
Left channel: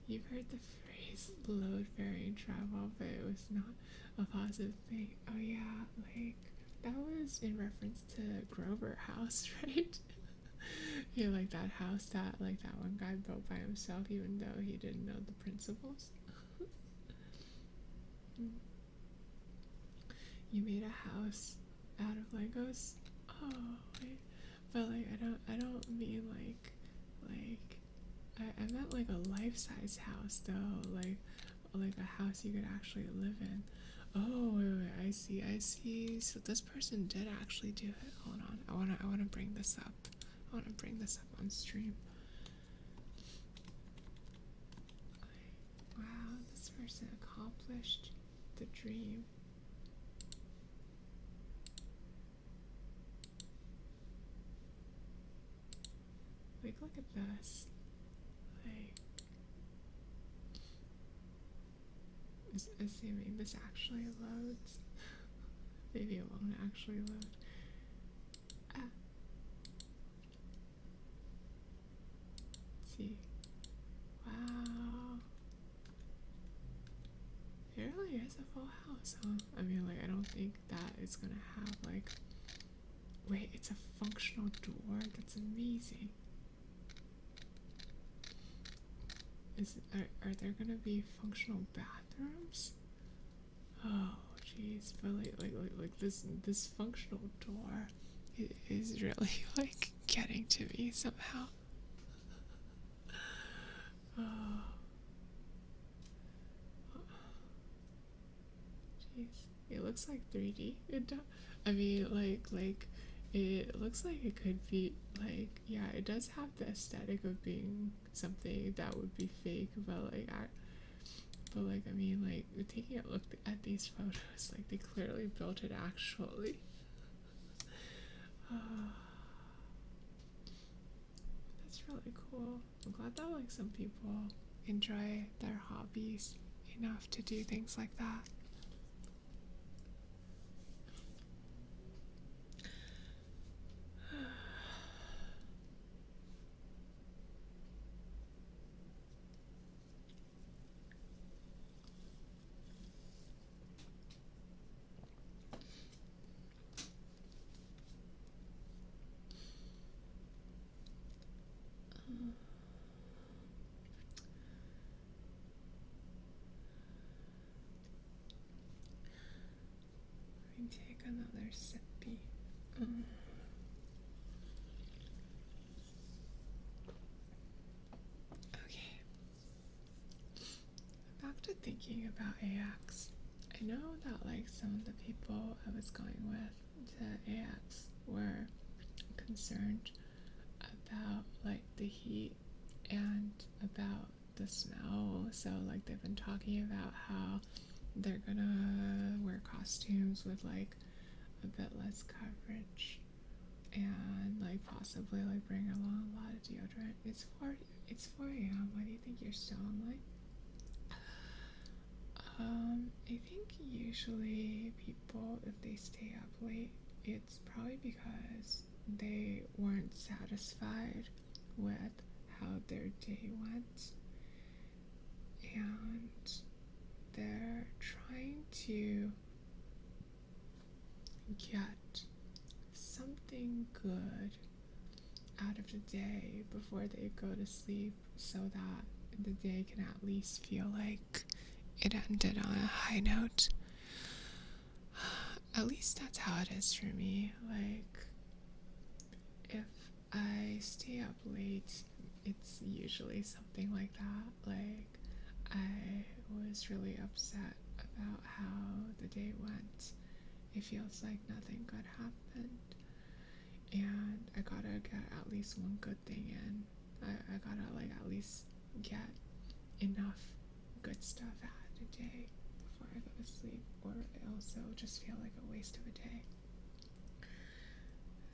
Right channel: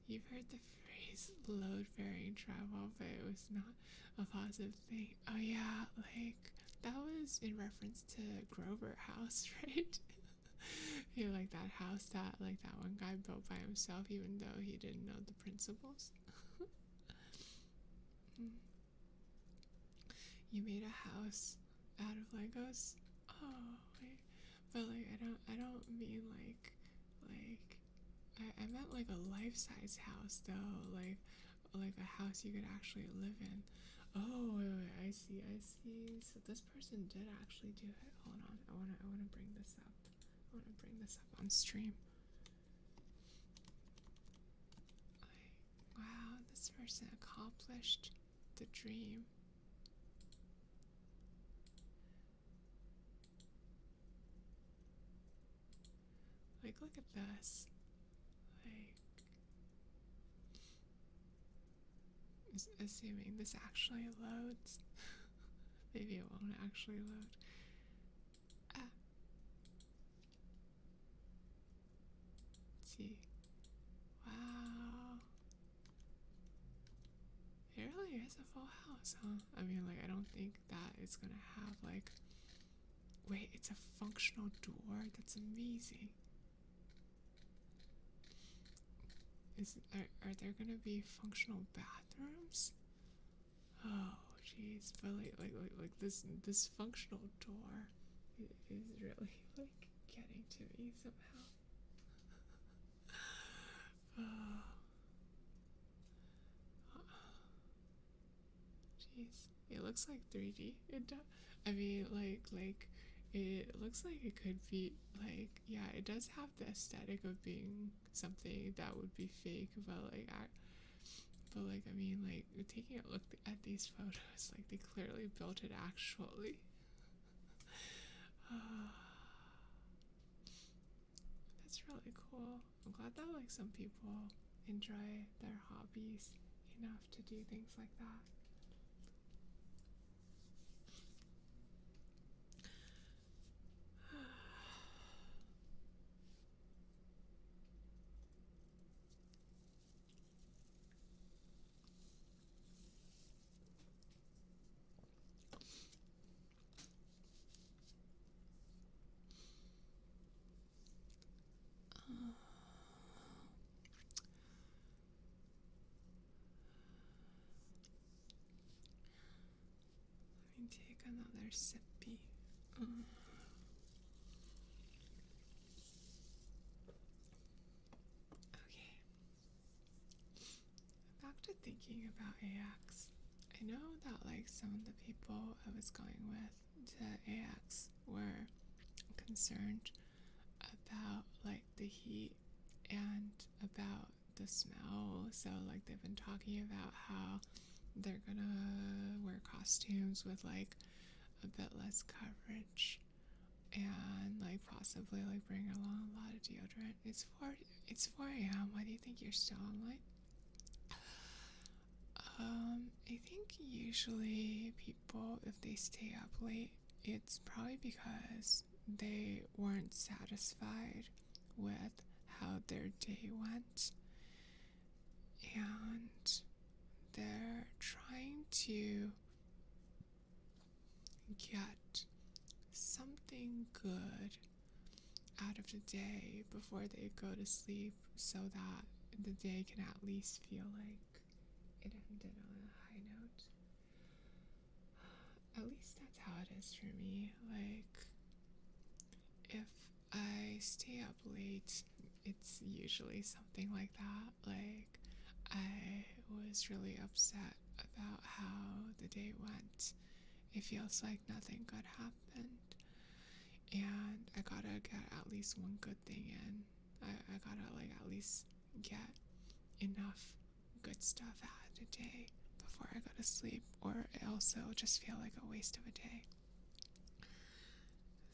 You've heard the phrase load bearing travel, but it was not a positive thing. Oh yeah, like that was in reference to Grover House, right? Yeah, like that house that one guy built by himself, even though he didn't know the principles. You made a house out of Legos? Oh, wait. But like I don't mean I meant like a life-size house though, like a house you could actually live in. Oh, wait, I see. So this person did actually do it. Hold on, I wanna bring this up. I wanna bring this up on stream. Wow, this person accomplished the dream. Like, look at this. Like, assuming this actually loads. Maybe it won't actually load. Ah. See. Wow. It really is a full house, huh? I mean, like, I don't think that it's gonna have, like... Wait, it's a functional door? That's amazing. Are there gonna be functional bathrooms? Oh, jeez. But, like this functional door is really, like, getting to me somehow. Oh. Jeez. It looks like 3D. I mean, like it looks like it could be like, yeah, it does have the aesthetic of being something that would be fake, but I mean, like taking a look at these photos, like they clearly built it actually. That's really cool. I'm glad that like some people enjoy their hobbies enough to do things like that. Let me take another sippy. Okay. Back to thinking about AX. I know that like some of the people I was going with to AX were concerned about like the heat and about the smell. So like they've been talking about how they're gonna wear costumes with like a bit less coverage and like possibly like bring along a lot of deodorant. It's 4 a.m. Why do you think you're still online? I think usually people, if they stay up late, it's probably because they weren't satisfied with how their day went, and they're trying to get something good out of the day before they go to sleep so that the day can at least feel like it ended on a high note. At least that's how it is for me. Like, if I stay up late, it's usually something like that. Like, I was really upset about how the day went. It feels like nothing good happened. And I gotta get at least one good thing in. I gotta, like, at least get enough good stuff out of the day before I go to sleep, or I also just feel like a waste of a day.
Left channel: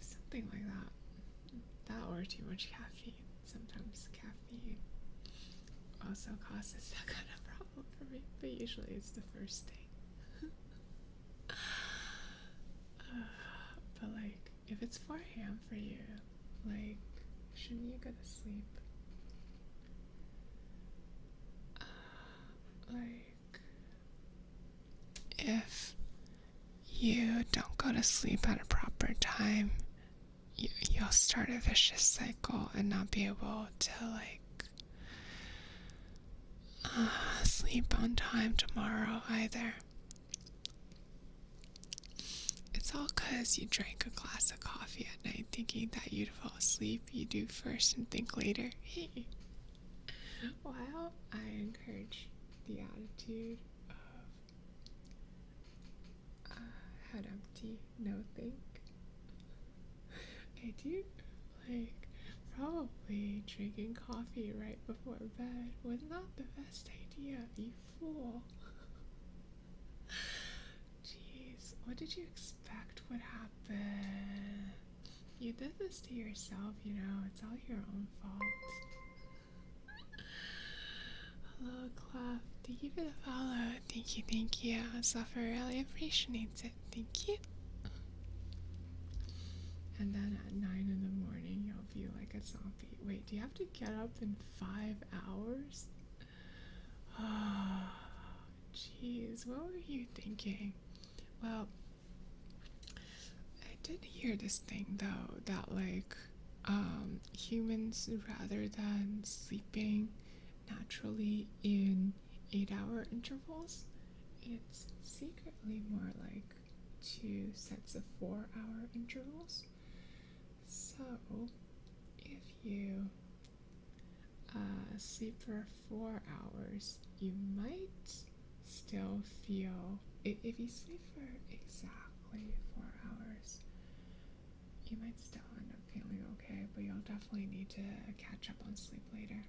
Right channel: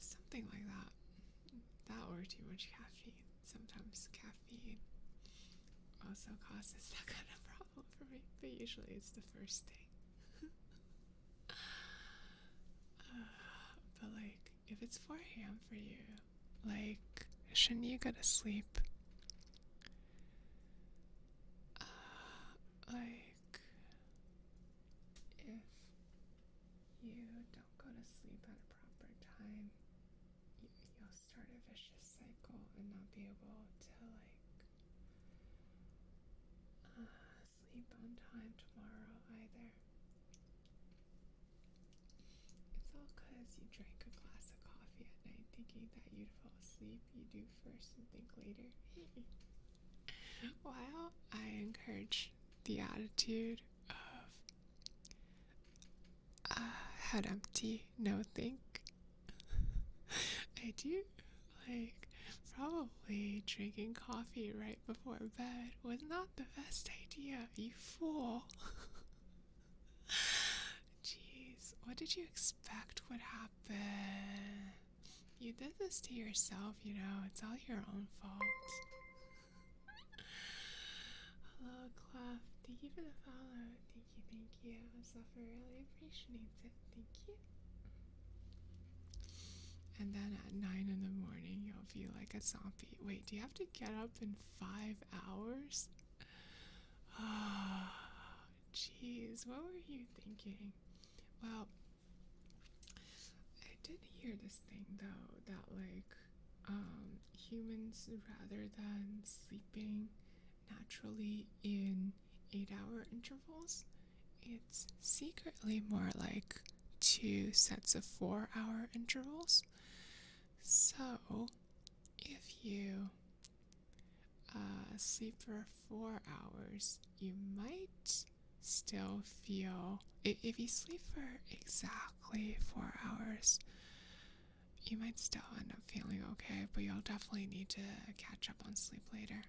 Something like that. That or too much caffeine. Sometimes caffeine also causes that kind of problem for me, but usually it's the first thing. But like, if it's 4 a.m. for you, like, shouldn't you go to sleep? Like, if you don't go to sleep at a proper time, you'll start a vicious cycle and not be able to like sleep on time tomorrow either. It's all because you drank a glass of coffee at night thinking that you'd fall asleep. You do first and think later. Hey, while I encourage the attitude of head empty, no think, I do like probably drinking coffee right before bed was not the best idea, you fool. Jeez, what did you expect would happen? You did this to yourself, you know, it's all your own fault. Hello, Clef. Thank you for the follow. Thank you. Suffer really appreciates it. Thank you. And then at 9 in the morning, you'll feel like a zombie. Wait, do you have to get up in 5 hours? Oh, jeez, what were you thinking? Well, I did hear this thing though, that like, humans, rather than sleeping naturally in 8-hour intervals, it's secretly more like 2 sets of 4-hour intervals. So, if you sleep for 4 hours, you might still feel, if you sleep for exactly 4 hours, you might still end up feeling okay, but you'll definitely need to catch up on sleep later.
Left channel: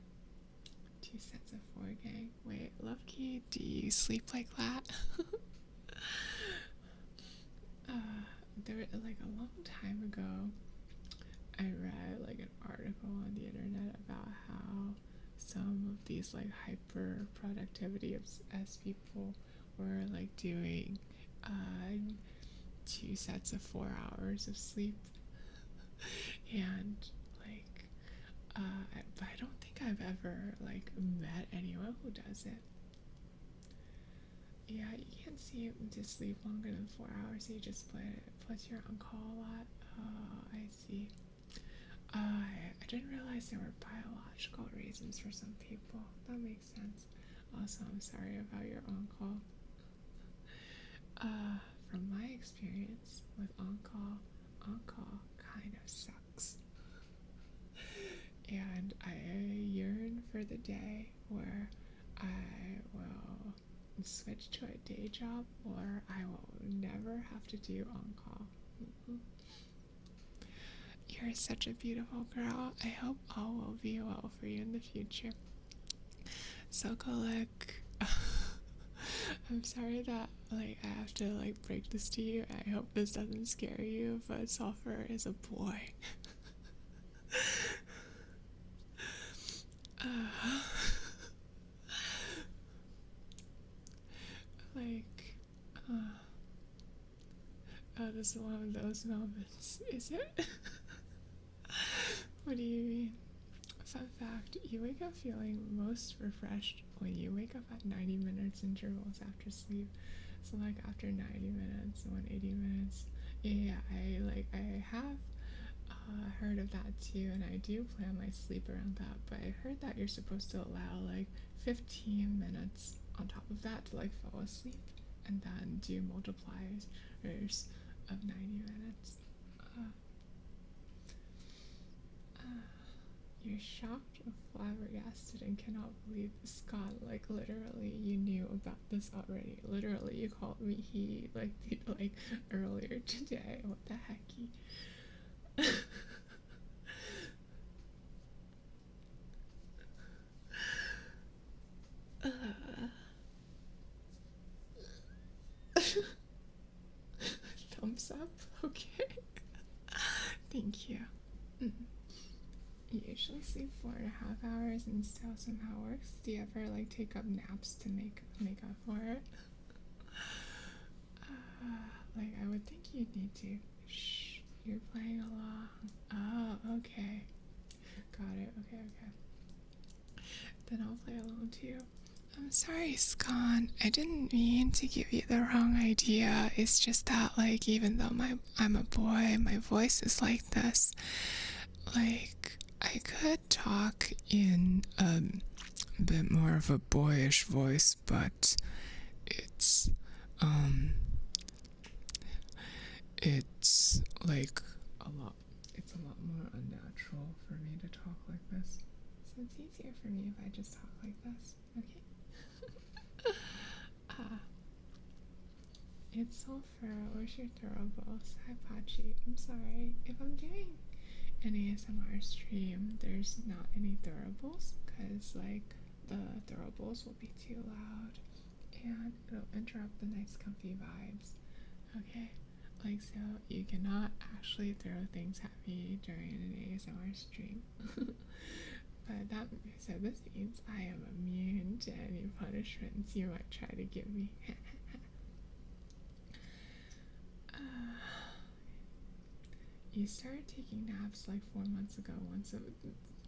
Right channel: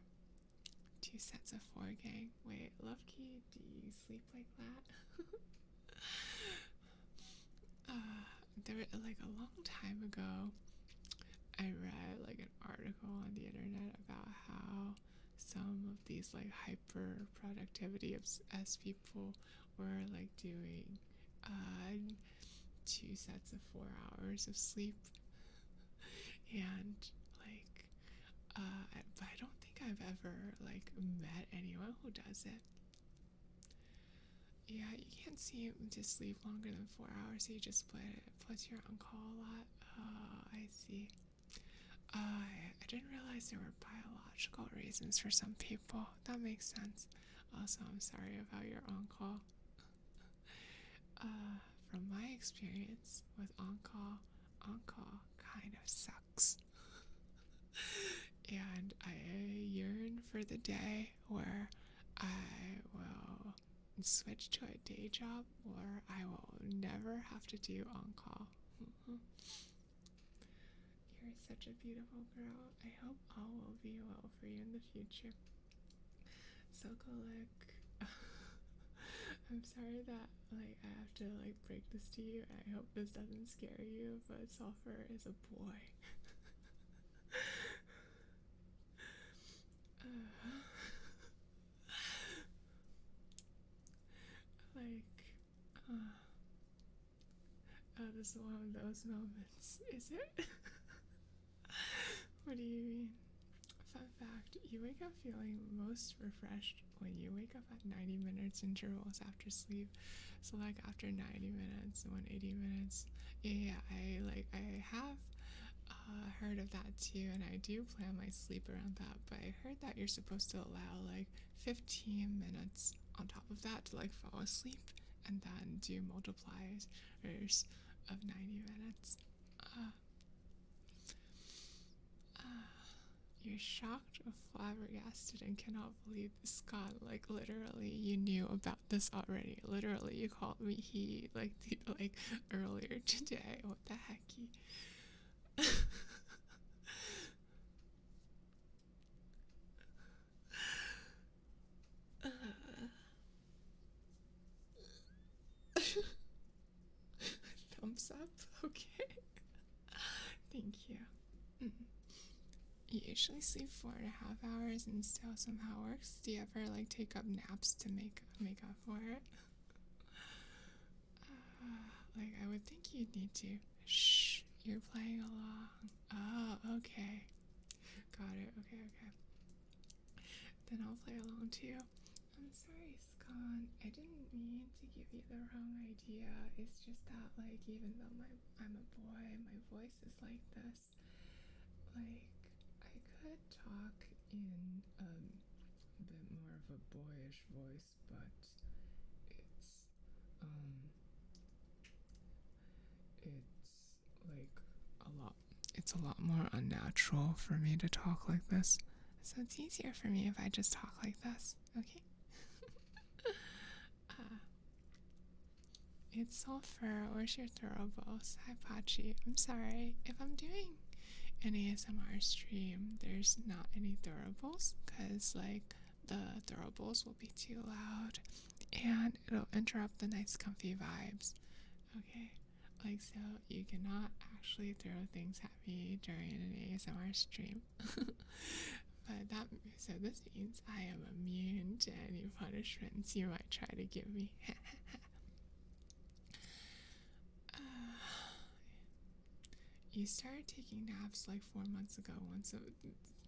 2 sets of 4, gang. Wait, Lovekey, do you sleep like that? There, like a long time ago, I read like an article on the internet about how some of these like hyper productivity as people were like doing 2 sets of 4 hours of sleep, and like but I don't think I've ever like met anyone who does it. Yeah, you can't seem to sleep longer than 4 hours, so you just split it. Plus you're on call a lot. Oh, I see. I didn't realize there were biological reasons for some people. That makes sense. Also, I'm sorry about your on-call. From my experience with on-call kind of sucks. And I yearn for the day where I will switch to a day job, or I will never have to do on-call. You're such a beautiful girl. I hope all will be well for you in the future. Sokolik, I'm sorry that like I have to like break this to you. I hope this doesn't scare you, but Sulfur is a boy. Oh, this is one of those moments, is it? What do you mean? Fun fact, you wake up feeling most refreshed when you wake up at 90 minutes intervals after sleep. So like after 90 minutes, 180 minutes. Yeah, I have heard of that too, and I do plan my sleep around that, but I heard that you're supposed to allow like 15 minutes on top of that to like fall asleep, and then do multipliers of 90 minutes. You're shocked, flabbergasted, and cannot believe Scott, like literally you knew about this already. Literally you called me he like earlier today. What the hecky? Okay. Thank you. Mm. You usually sleep 4.5 hours and still somehow works. Do you ever like take up naps to make up for it? Like I would think you'd need to. Shh, you're playing along. Oh, okay. Got it. Okay, okay. Then I'll play along too. I'm sorry, Scon. I didn't mean to give you the wrong idea. It's just that, like, even though I'm a boy, my voice is like this. Like, I could talk in a bit more of a boyish voice, but it's, um, it's like a lot. It's a lot more unnatural for me to talk like this. So it's easier for me if I just talk like this. Okay. It's Sulfur. Where's your throwables? Hi, Pachi. I'm sorry. If I'm doing an ASMR stream, there's not any throwables because, like, the throwables will be too loud and it'll interrupt the nice, comfy vibes. Okay? Like, so you cannot actually throw things at me during an ASMR stream. But that so this means I am immune to any punishments you might try to give me. You started taking naps like 4 months ago. Once it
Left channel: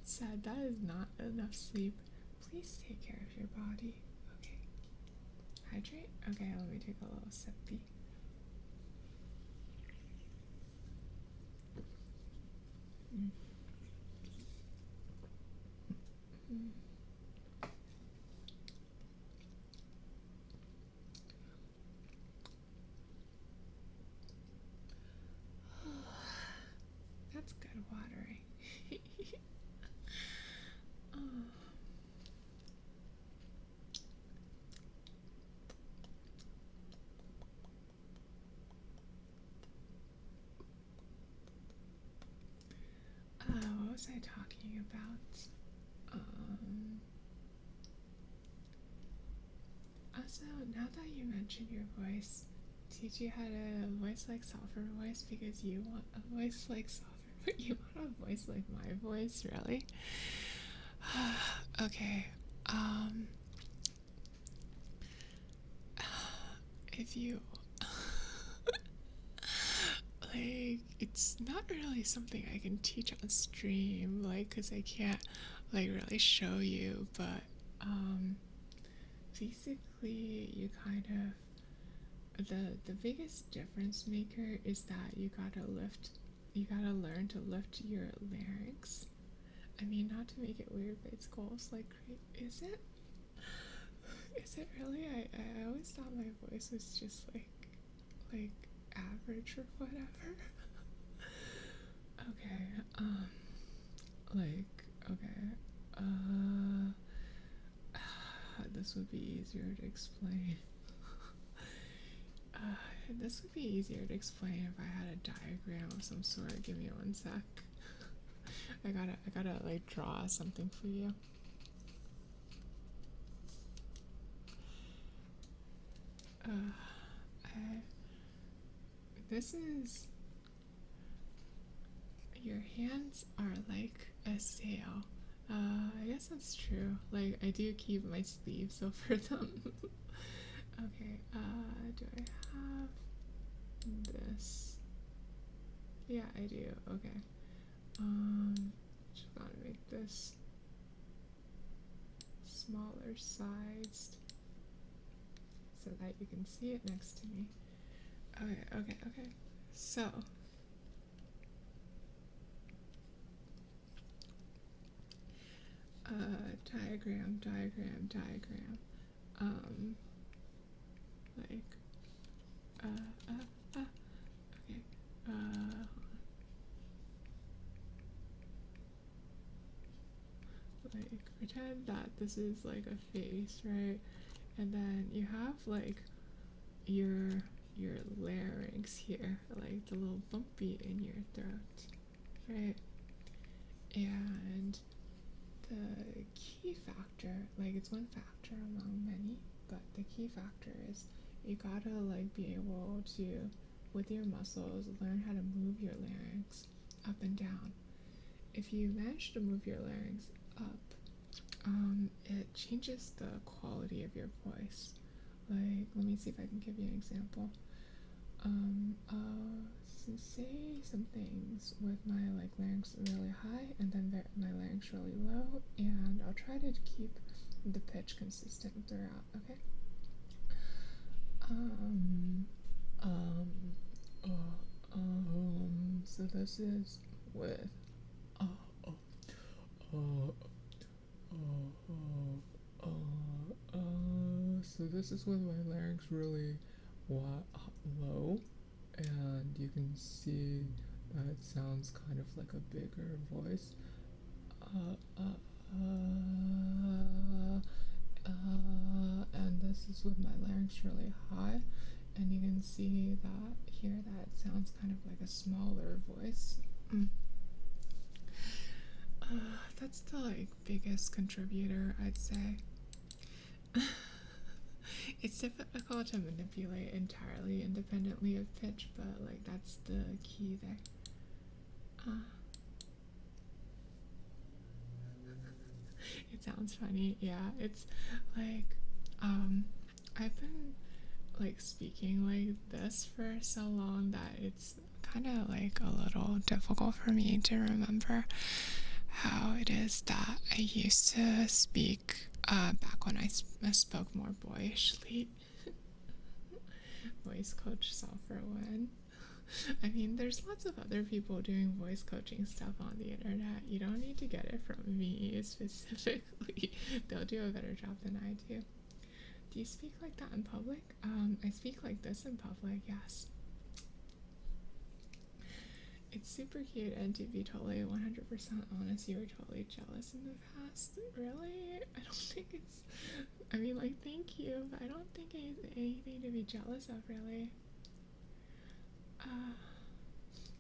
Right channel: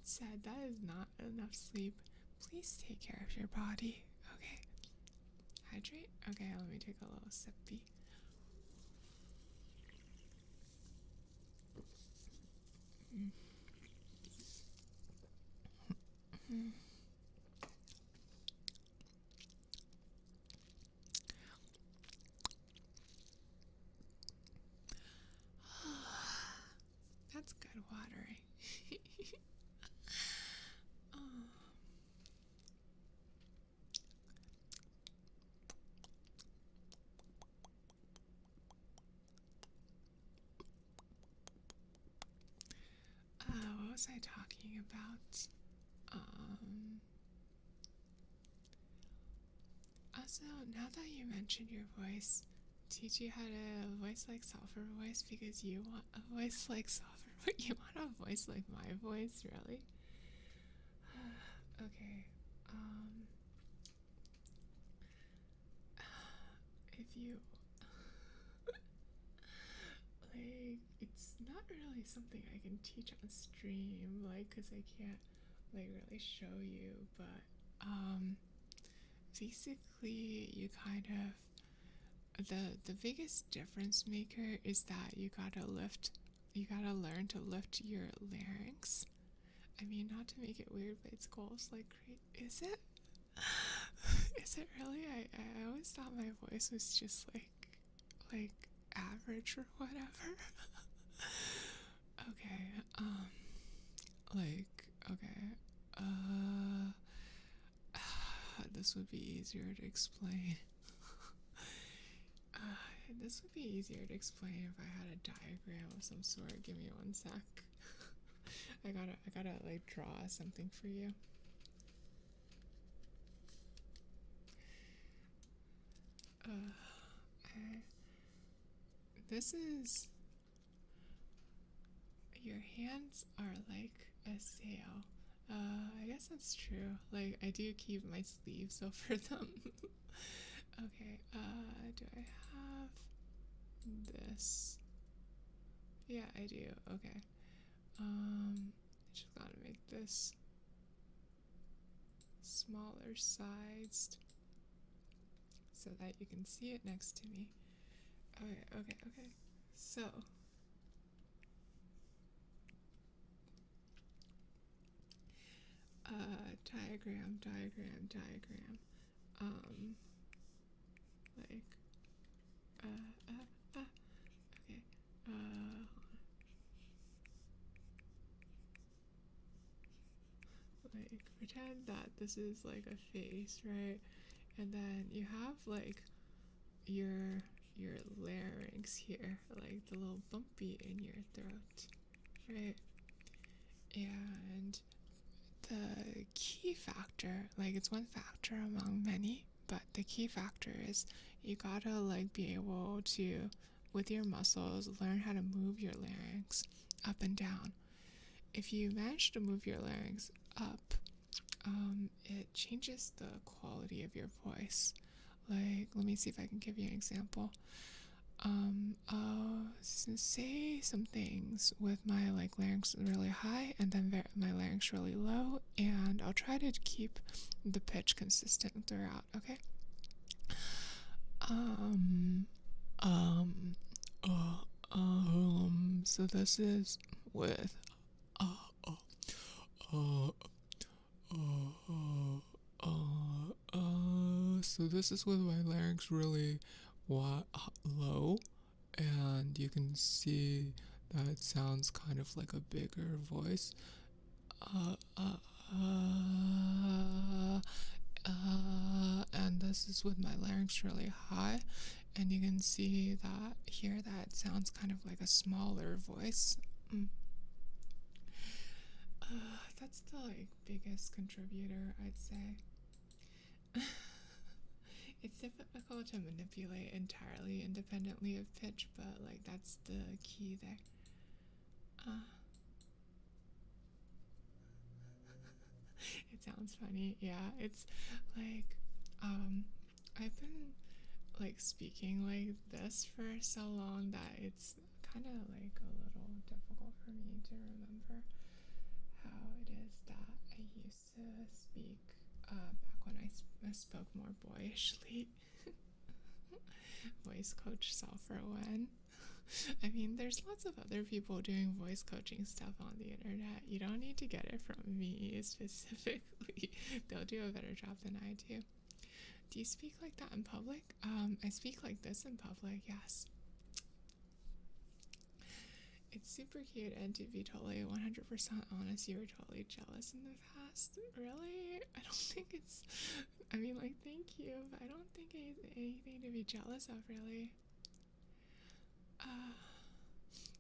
said that is not enough sleep. Please take care of your body. Okay. Hydrate? Okay, let me take a little sippy. Mm. Mm. That's good watering. Oh. What was I talking about? Also, now that you mentioned your voice, teach you how to voice like Sulfur voice because you want a voice like Sulfur, but you want a voice like my voice, really? Okay. If you like, it's not really something I can teach on stream, like, cause I can't like really show you, but basically you kind of the biggest difference maker is that you gotta learn to lift your larynx. I mean, not to make it weird, but it's close. Like, is it? Is it really? I always thought my voice was just like average or whatever. Okay. Like, okay. This would be easier to explain. This would be easier to explain if I had a diagram of some sort. Give me one sec. I gotta like draw something for you. This is, your hands are like a sail. I guess that's true. Like, I do keep my sleeves over them. Okay, do I have this? Yeah, I do. Okay. Just gotta make this smaller sized so that you can see it next to me. Okay. So, diagram. Like, okay. Like, pretend that this is like a face, right? And then you have like your larynx here, like the little bumpy in your throat, right? And the key factor, like, it's one factor among many, but the key factor is you gotta like be able to with your muscles, learn how to move your larynx up and down. If you manage to move your larynx up, it changes the quality of your voice. Like, let me see if I can give you an example. I'll say some things with my like larynx really high and then my larynx really low, and I'll try to keep the pitch consistent throughout. Okay. So this is with uh, uh, uh, so this is with my larynx really low, and you can see that it sounds kind of like a bigger voice. And this is with my larynx really high, and you can see that here that it sounds kind of like a smaller voice. That's the like biggest contributor, I'd say. It's difficult to manipulate entirely independently of pitch, but like that's the key there. It sounds funny. Yeah, it's like I've been like speaking like this for so long that it's kind of like a little difficult for me to remember how it is that I used to speak back when I spoke more boyishly. Voice coach Sulfur Win. I mean, there's lots of other people doing voice coaching stuff on the internet. You don't need to get it from me specifically. They'll do a better job than I do. Do you speak like that in public? I speak like this in public, yes. It's super cute, and to be totally 100% honest, you were totally jealous in the past. Really? I don't think it's... I mean, like, thank you, but I don't think anything to be jealous of, really.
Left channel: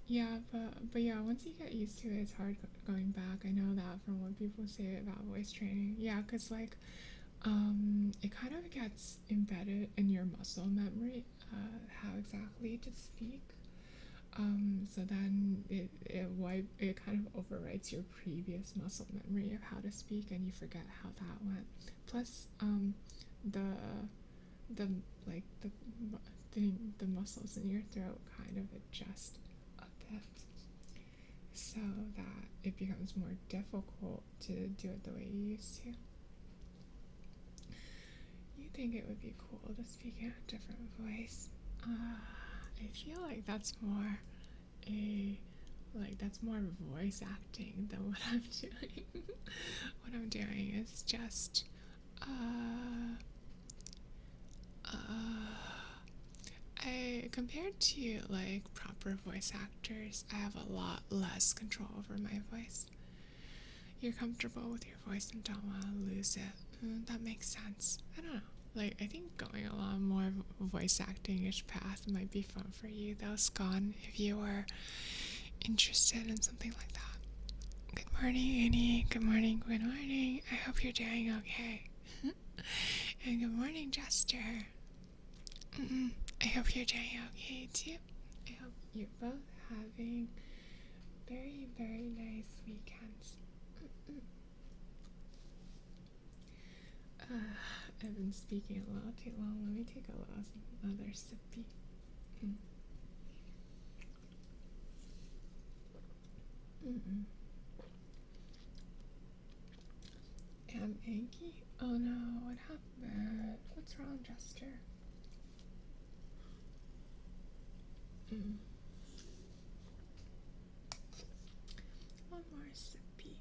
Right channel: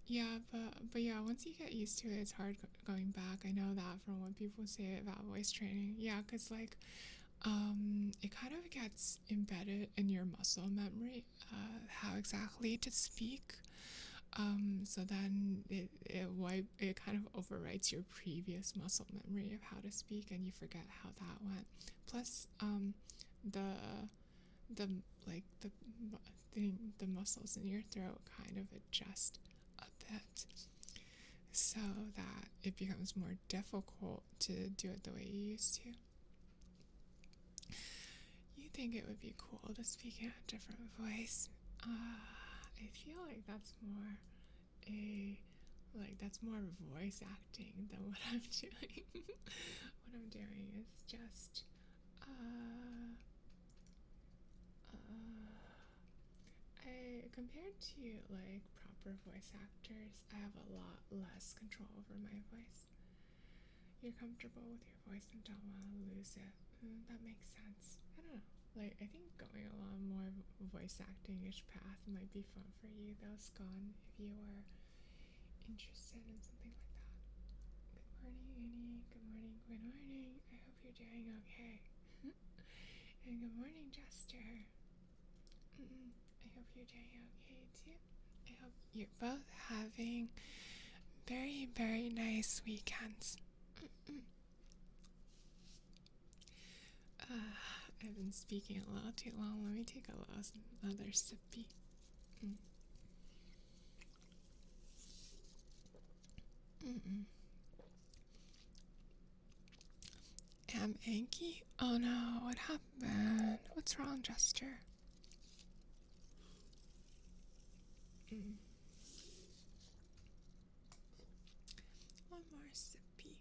Yeah, but yeah, once you get used to it, it's hard going back. I know that from what people say about voice training. Yeah, because, like, it kind of gets embedded in your muscle memory, how exactly to speak. So then it kind of overwrites your previous muscle memory of how to speak, and you forget how that went. Plus, the like the muscles in your throat kind of adjust a bit, so that it becomes more difficult to do it the way you used to. You think it would be cool to speak in a different voice? I feel like that's more voice acting than what I'm doing. What I'm doing is just compared to like proper voice actors, I have a lot less control over my voice. You're comfortable with your voice and don't want to lose it. That makes sense. I don't know. Like, I think going along more voice acting-ish path might be fun for you, though, Scon, if you were interested in something like that. Good morning, Annie. Good morning, good morning. I hope you're doing okay. And good morning, Jester. I hope you're doing okay, too. I hope you're both having very, very nice weekends. I've been speaking a little too long. Let me take another sippy. Am Anki? Oh no, what happened? What's wrong, Jester? One more sippy.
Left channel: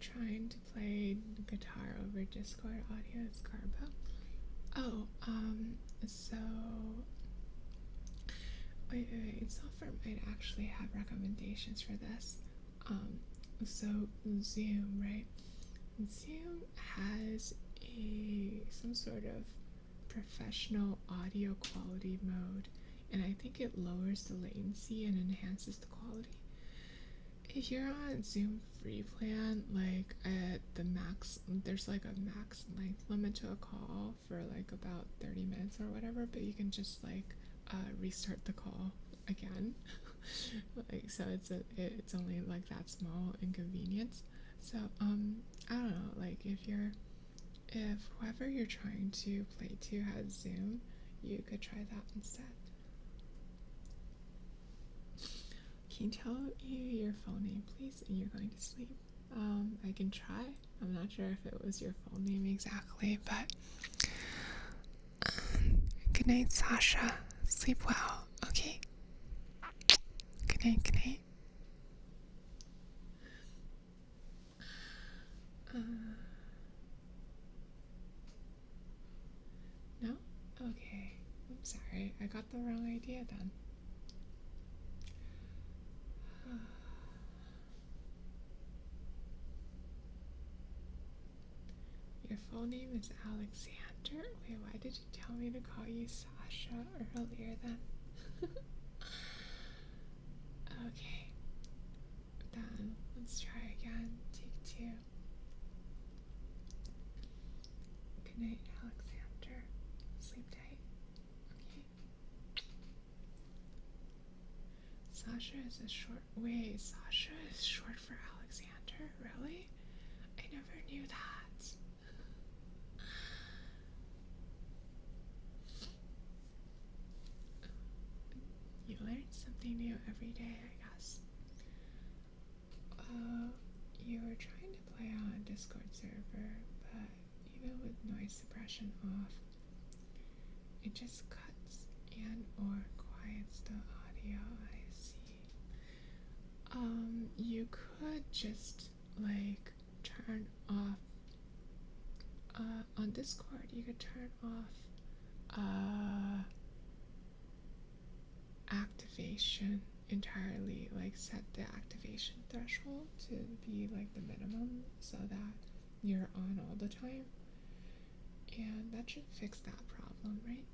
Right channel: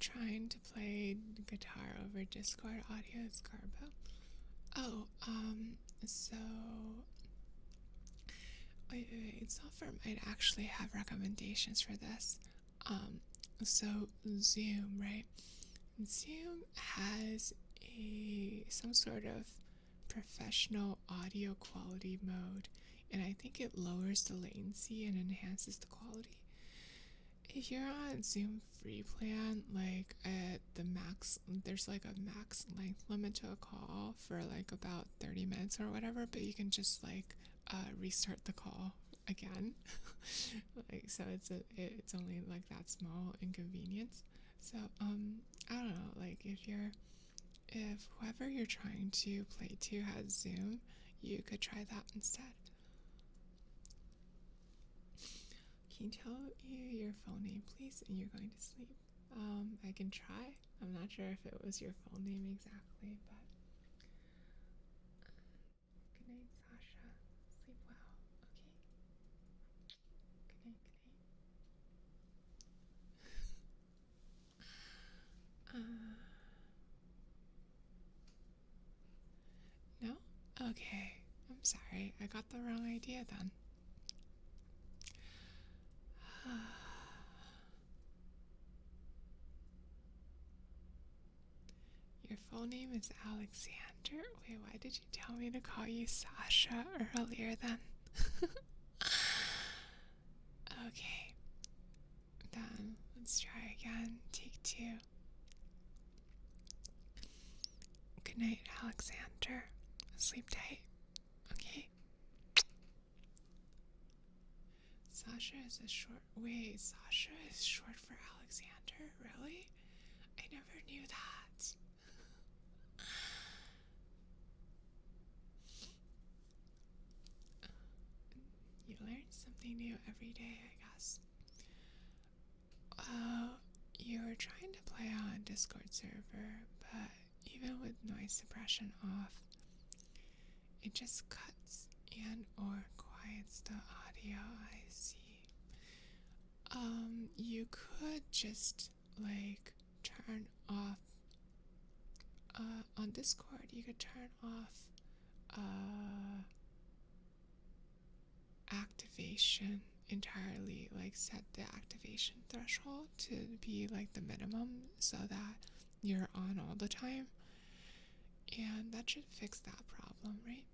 Trying to play guitar over Discord audio is Garbo. Oh, so wait, Sulfur might actually have recommendations for this. So Zoom, right? Zoom has some sort of professional audio quality mode, and I think it lowers the latency and enhances the quality. If you're on Zoom free plan, like at the max, there's like a max length limit to a call for like about 30 minutes or whatever, but you can just like restart the call again. Like, so it's only like that small inconvenience. So I don't know, like if whoever you're trying to play to has Zoom, you could try that instead. Can you tell you your full name, please? And you're going to sleep. I can try. I'm not sure if it was your full name exactly, but good night, Sasha. Sleep well, okay? Good night, good night. No? Okay. I'm sorry. I got the wrong idea then. Your full name is Alexander? Wait, why did you tell me to call you Sasha earlier then? Okay. Then let's try again. Take 2. Good night, Alexander. Sleep tight. Okay. Sasha is a short. Wait, Sasha is short for Alexander? Really? I never knew that. You learn something new every day, I guess. You were trying to play on a Discord server, but even with noise suppression off, it just cuts and or quiets the audio. I see. You could just like turn off on Discord, you could turn off activation entirely, like set the activation threshold to be like the minimum so that you're on all the time, and that should fix that problem, right?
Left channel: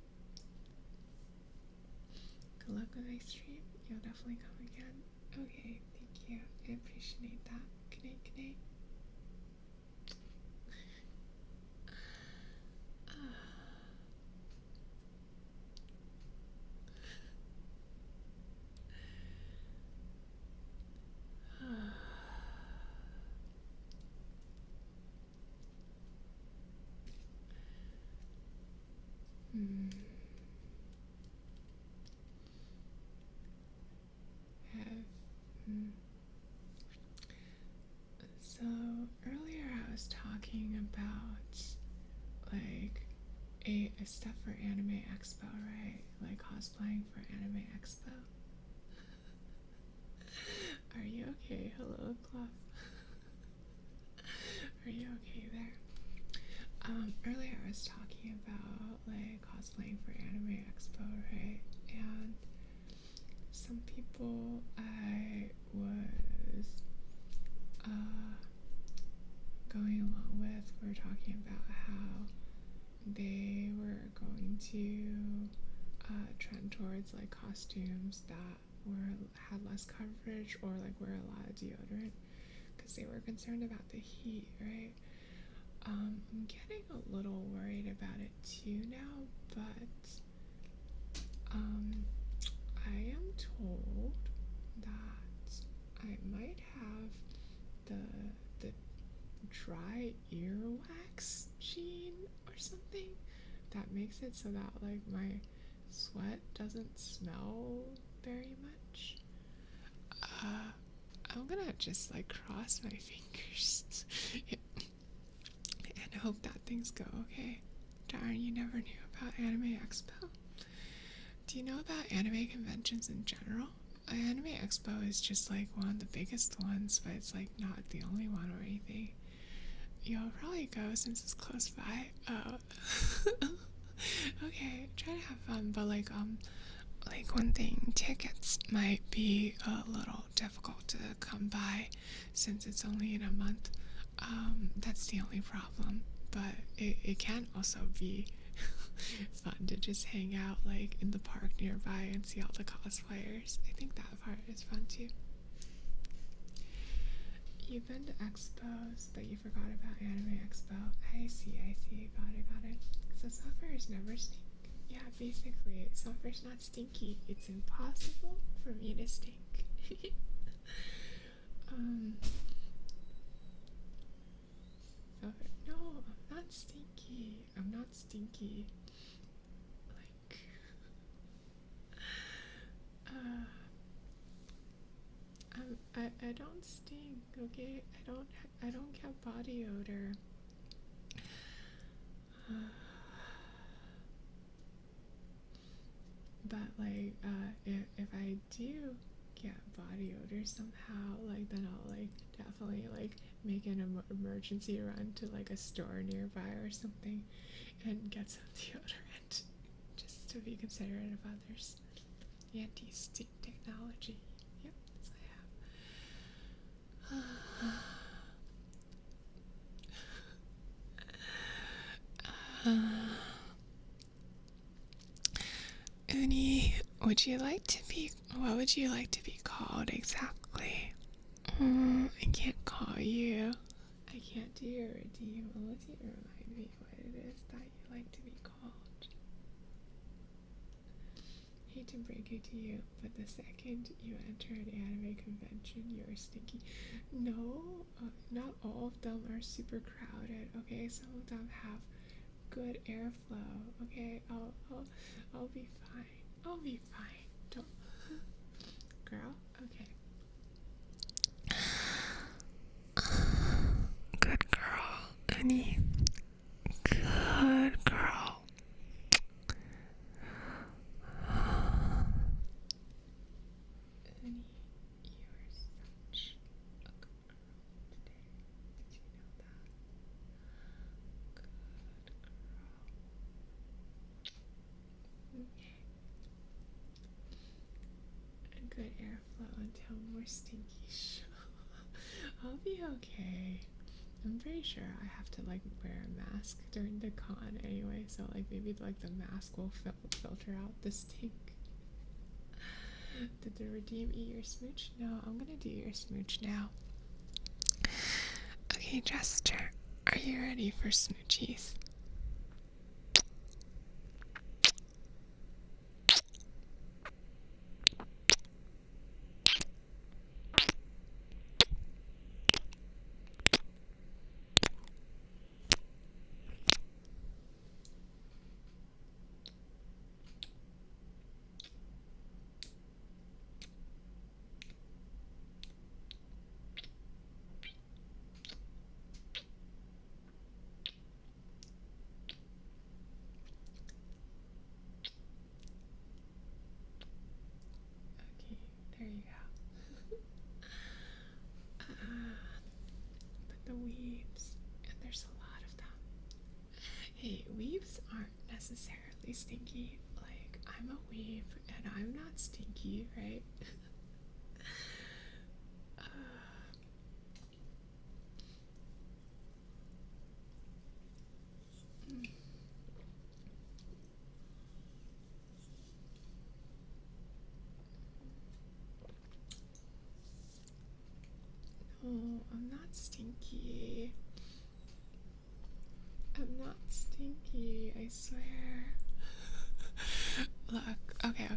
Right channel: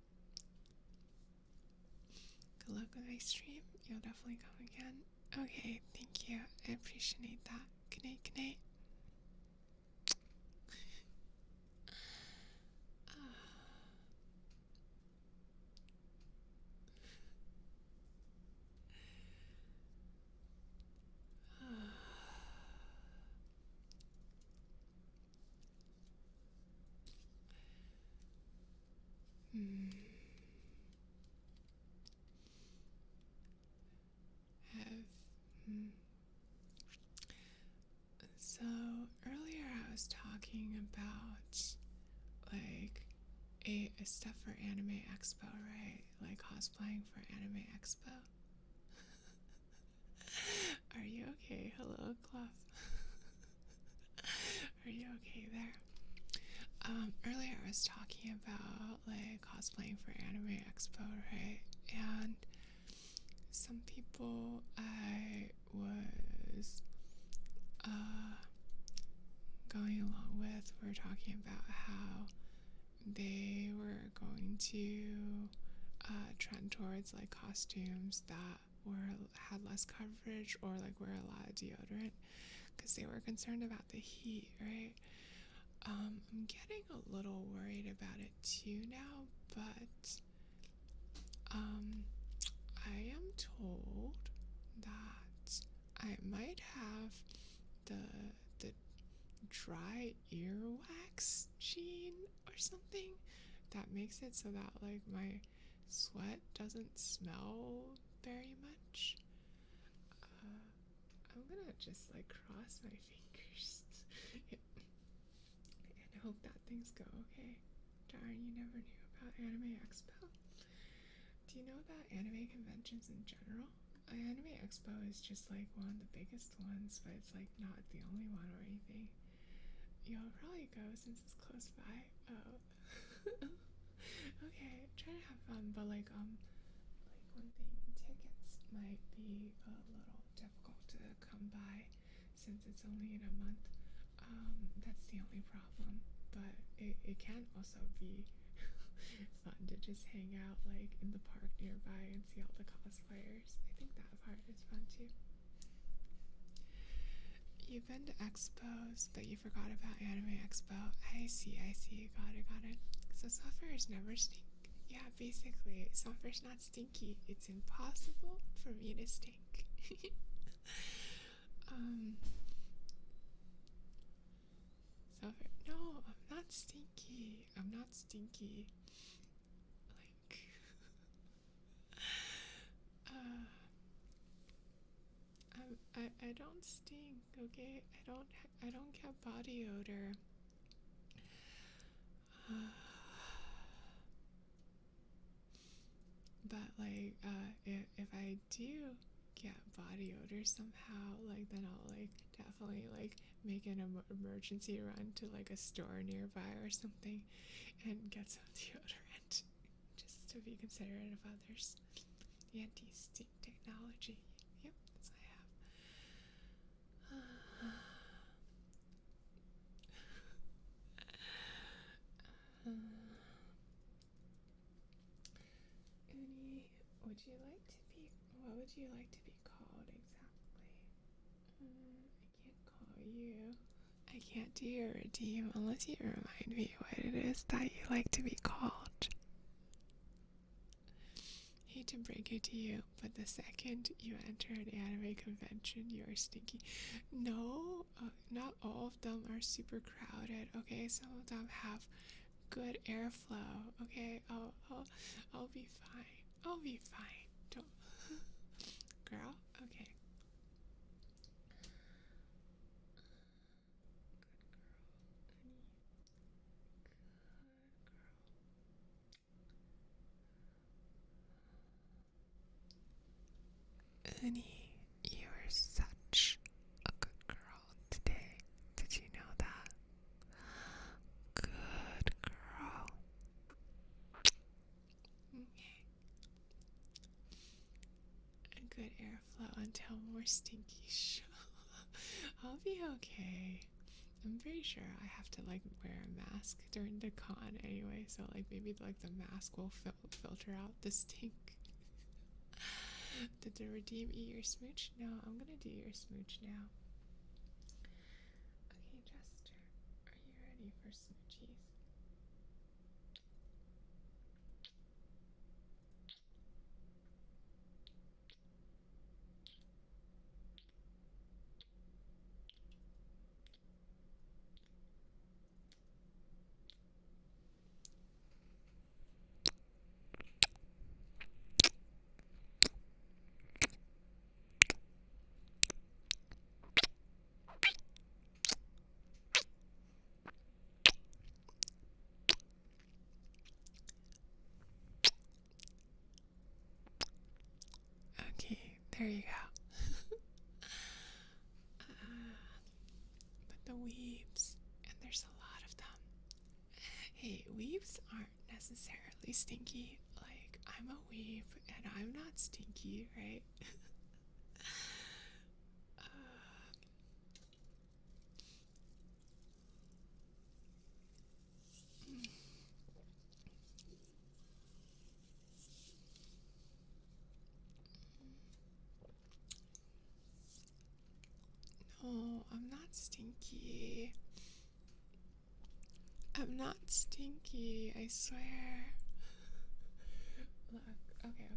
Good luck with my stream. You'll definitely come again. Okay, thank you. I appreciate that. Good night, good night. Hmm. So earlier I was talking about like a stuff for Anime Expo, right? Like cosplaying for Anime Expo. Are you okay? Hello, Cloth. Are you okay there? Earlier I was talking about like cosplaying for Anime Expo, right? And some people I was going along with were talking about how they were going to trend towards like costumes that had less coverage or like wear a lot of deodorant because they were concerned about the heat, right? I'm getting a little worried about it too now, but I am told that I might have the dry earwax gene or something that makes it so that like my sweat doesn't smell very much. I'm gonna just like cross my fingers and hope that things go okay. Darn, you never knew about Anime Expo. Do you know about anime conventions in general? Anime Expo is just like one of the biggest ones, but it's like not the only one or anything. You'll probably go since it's close by. Oh. Okay, try to have fun, but like one thing, tickets might be a little difficult to come by since it's only in a month. That's the only problem, but it can also be fun to just hang out like in the park nearby and see all the cosplayers. I think that part is fun too. You've been to expos, but you forgot about Anime Expo. I see. Got it. So software is never stink. Yeah, basically, software's not stinky. It's impossible for me to stink. Software. No, I'm not stinky. Like, I don't stink. Okay, I don't get body odor. But like, if I do get body odor somehow, like then I'll like definitely like make an emergency run to like a store nearby or something and get some deodorant just to be considerate of others. Anti-stink technology. Yep, that's what I have. Uni, what would you like to be called exactly? I can't call you. I can't do your redeem unless you remind me what it is that you like to be called. Hate to break it to you, but the second you enter an anime convention, you're stinky. No, not all of them are super crowded, okay? Some of them have good airflow, okay? I'll be fine. I'll be fine. Don't... Girl? Okay. Good girl, Annie. Good girl. Annie, you are such a good girl today. Did you know that? Good girl. Okay. Good airflow until more stinky. I'll be okay. I'm pretty sure I have to like wear a mask during the con anyway, so like maybe like the mask will filter out the stink. Did the redeem eat your smooch? No, I'm gonna do your smooch now. Okay, Jester, are you ready for smoochies? Okay, there you go. But the weebs, and there's a lot of them. Hey, weebs aren't necessarily stinky. Like, I'm a weeb, and I'm not stinky, right? No, I'm not stinky. I'm not stinky, I swear. Look, okay.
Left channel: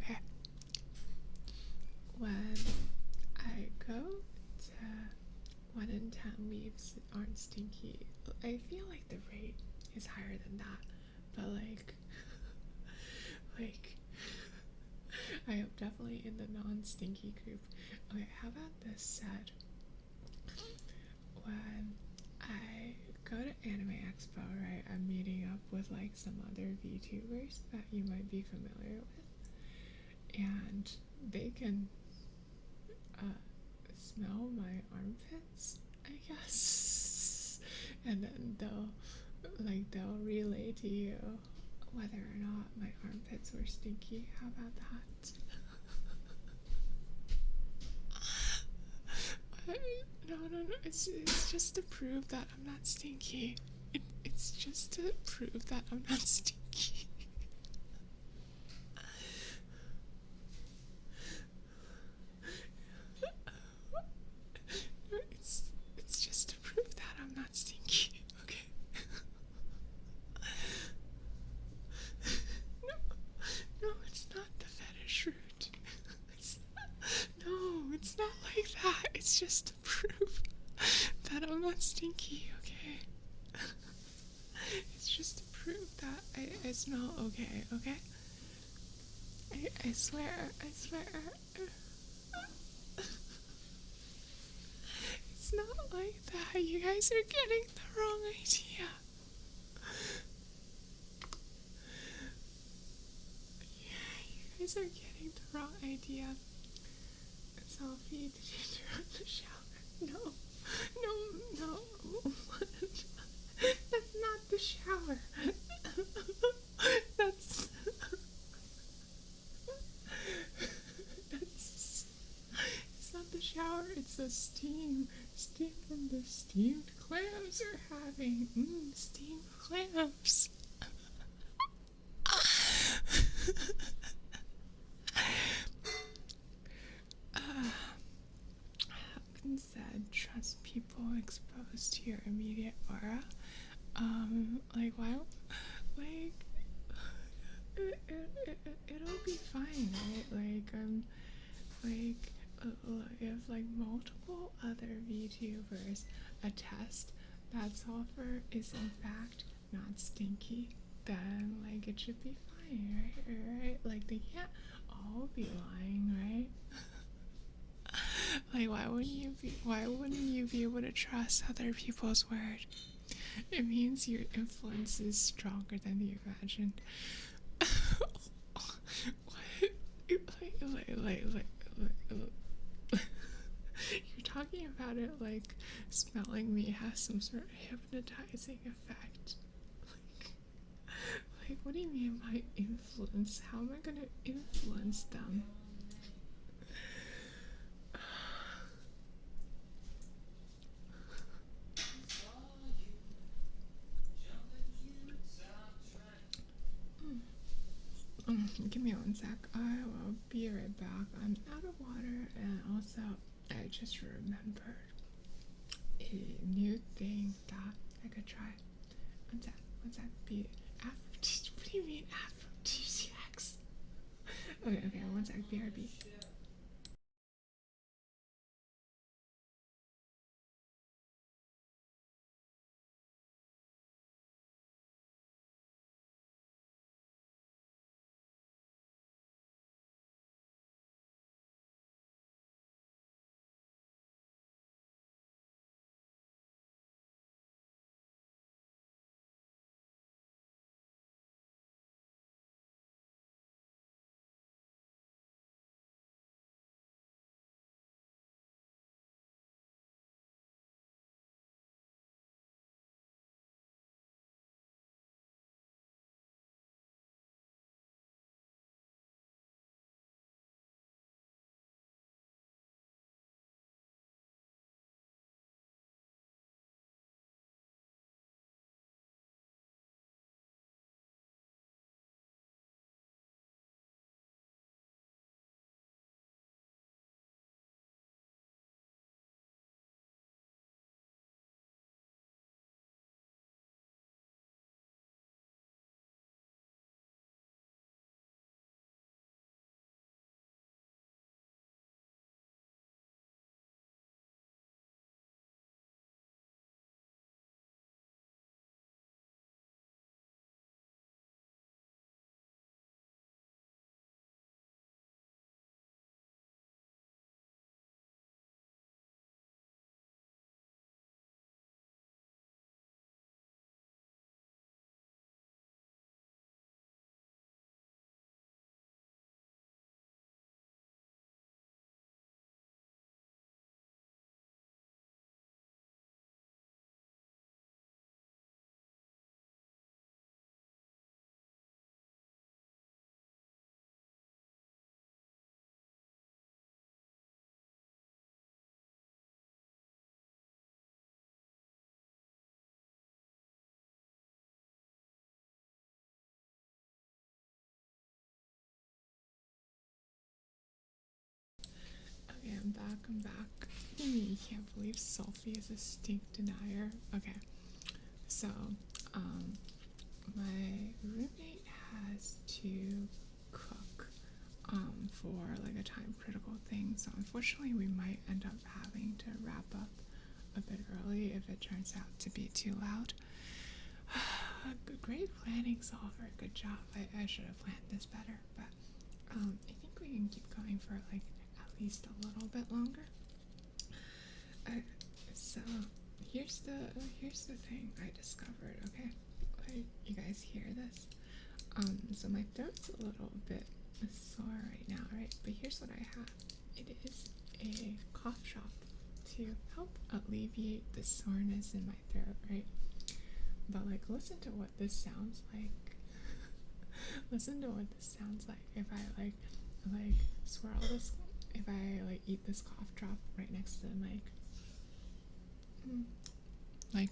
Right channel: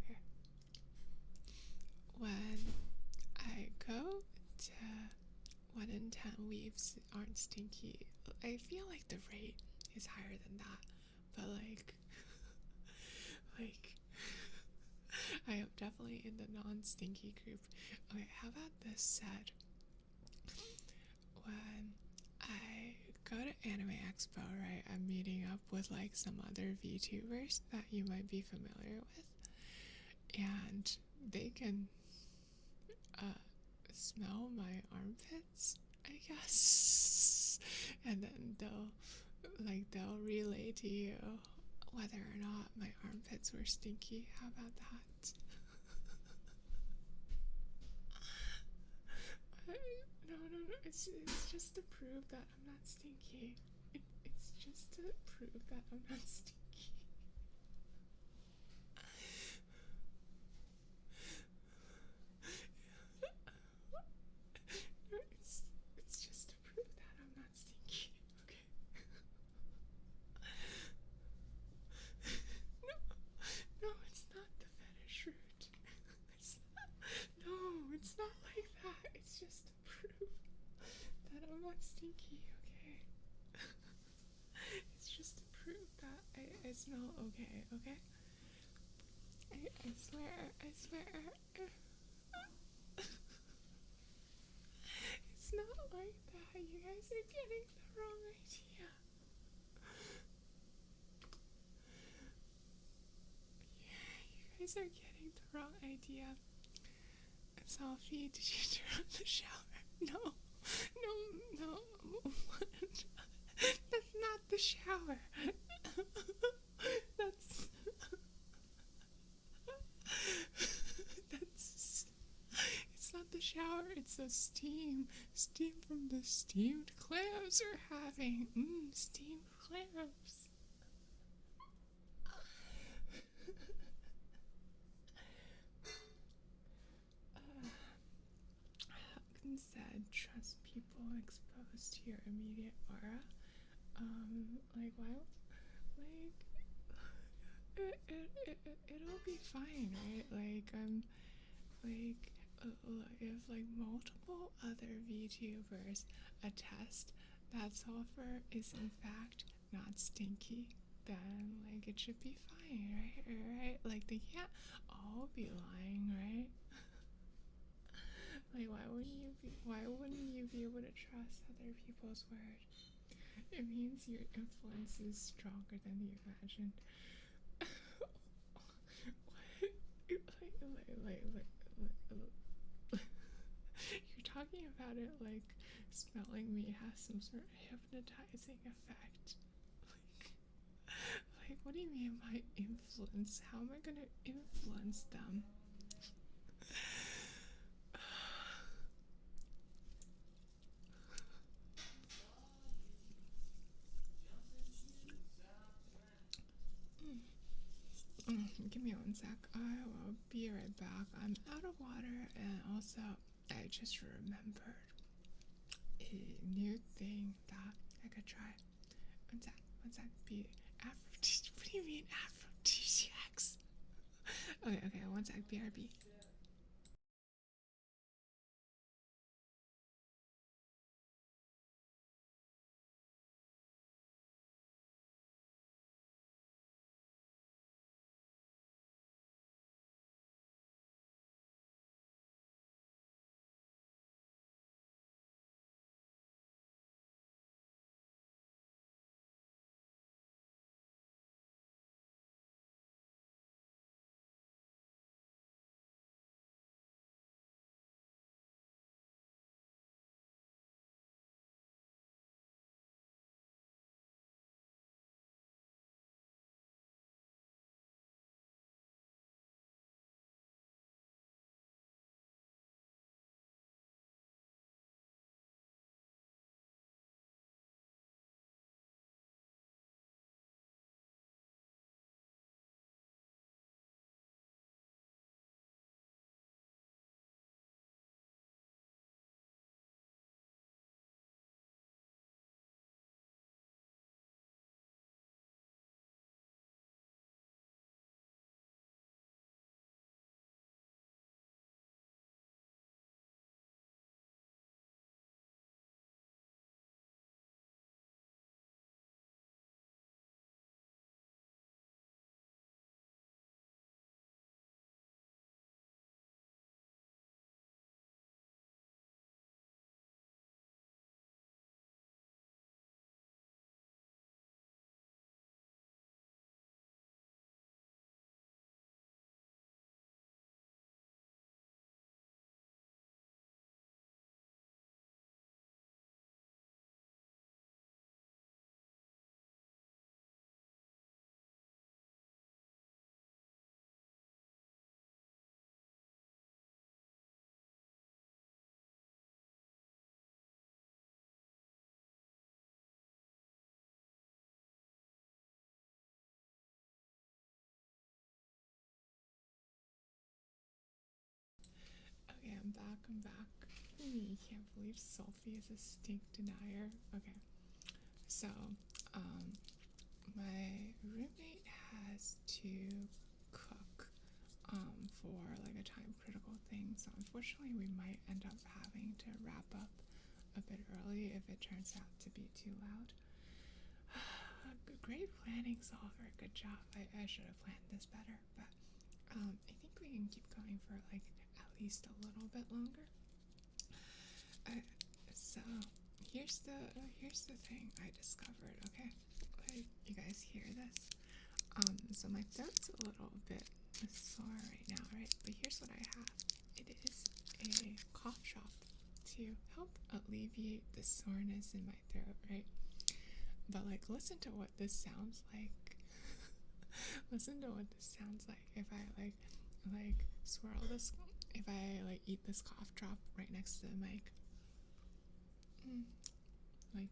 When I go to 1 in 10 weaves aren't stinky, I feel like the rate is higher than that. But like, I am definitely in the non-stinky group. Okay, how about this said? When I go to Anime Expo, right, I'm meeting up with like some other VTubers that you might be familiar with, and they can smell my armpits, I guess, and then they'll relay to you whether or not my armpits were stinky. How about that? No. It's just to prove that I'm not stinky. It's just to prove that I'm not stinky. It's just to prove that I smell okay, okay? I swear, I swear. It's not like that. You guys are getting the wrong idea. You guys are getting the wrong idea. Sophie, did you turn on the shower? No. No, no. That's not the shower. That's... That's... It's not the shower, it's the steam. Steam from the steamed clams we're having. Steamed clams. Hawkins said, trust people exposed to your immediate aura. Like, why? Like, it'll be fine, right? If like multiple other VTubers attest that sulfur is in fact not stinky, then like it should be fine, right? Like they can't all be lying, right? Like why wouldn't you be able to trust other people's word? It means your influence is stronger than you imagined. What? You're talking about it like smelling me has some sort of hypnotizing effect. Like what do you mean by influence? How am I gonna influence them? Give me one sec. I will be right back. I'm out of water, and also I just remembered a new thing that I could try. One sec. One sec. What do you mean aphrodisiacs? Okay. One sec. BRB. Okay, I'm back. You can't believe Sophie is a stink denier. Okay, so, my roommate has to cook, for like a time critical thing, so unfortunately we might end up having to wrap up a bit early if it turns out to be too loud. great planning solver. Good job. I should have planned this better, but I think we can keep going for like at least a little bit longer. So here's the thing I discovered. Okay, like, you guys hear this? So my throat's a little bit sore right now, right? But here's what I have. It is a cough drop to help alleviate the soreness in my throat, right? But like, listen to what this sounds like. Listen to what this sounds like if I like swirl this, if I like eat this cough drop right next to the mic. Like,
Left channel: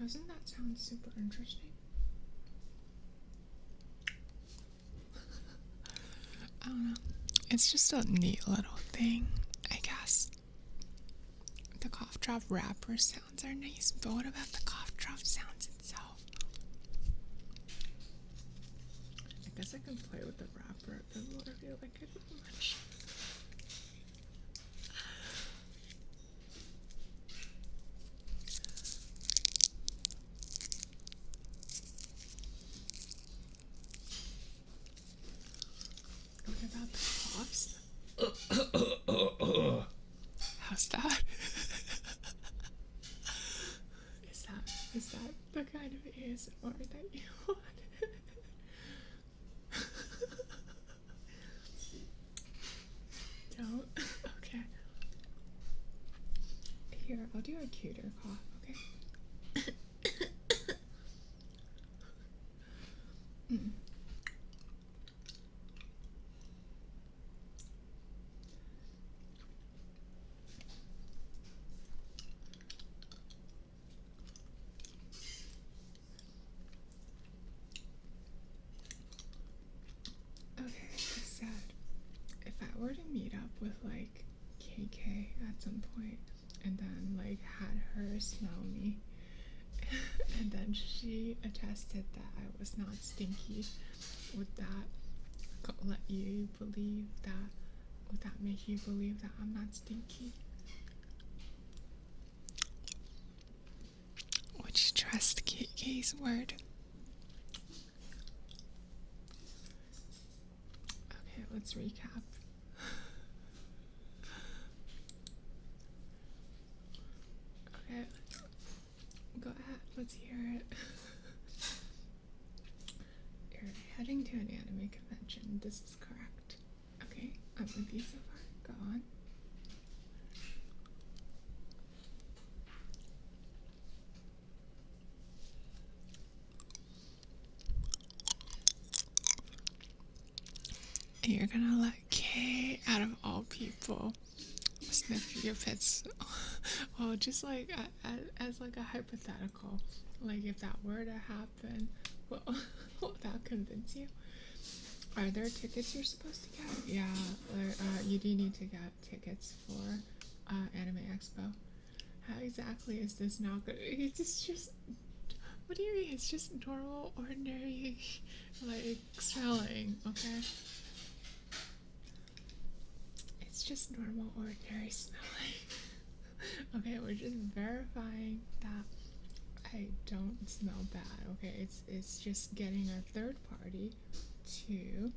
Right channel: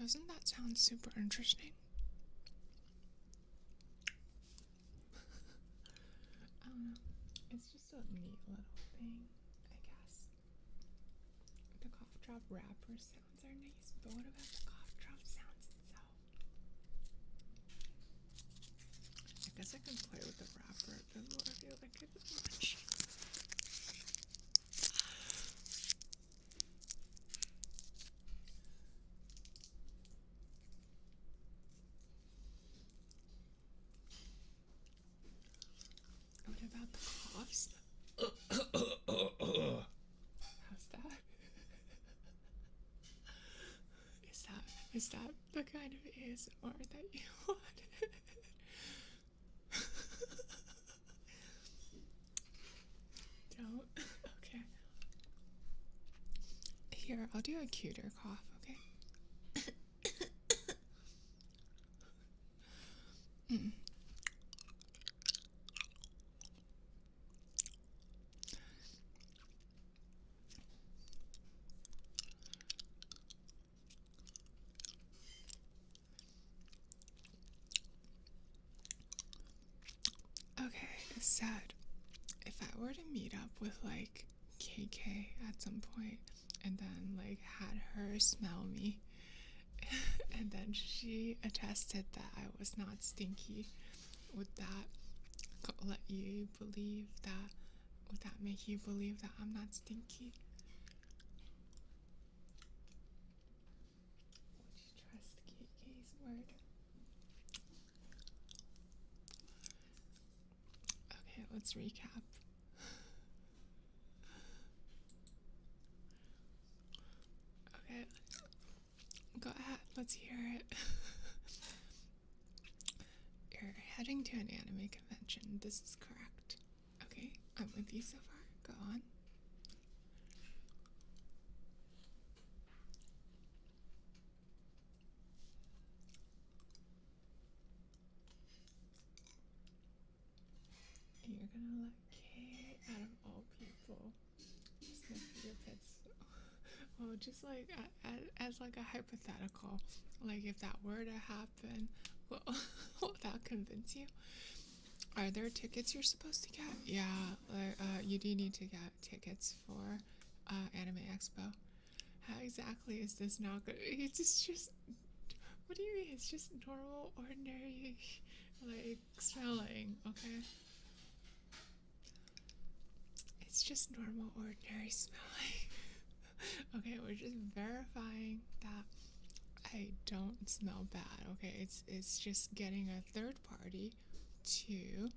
doesn't that sound super interesting? I don't know. It's just a neat little thing, I guess. The cough drop wrapper sounds are nice, but what about the cough drop sounds itself? I guess I can play with the wrapper a bit more if you like it much. What about the coughs? How's that? Is that the kind of ASMR that you wanted? Don't? Okay. Here, I'll do a cuter cough, okay? Okay, sad. If I were to meet up with like KK at some point and then like had her smell me and then she attested that I was not stinky, would that let you believe that? Would that make you believe that I'm not stinky? Would you trust KK's word? Okay, let's recap. Okay, go ahead, let's hear it. You're heading to an anime convention, this is correct. Okay, I'm with you so far, go on. You're gonna let K, out of all people, sniff your pits. Well, just like as like a hypothetical, like if that were to happen, well, will that convince you? Are there tickets you're supposed to get? Yeah, you do need to get tickets for Anime Expo. How exactly is this not good? It's just, what do you mean? It's just normal, ordinary, like, smelling, okay? It's just normal, ordinary smelling. Okay, we're just verifying that I don't smell bad, okay? It's just getting a third party to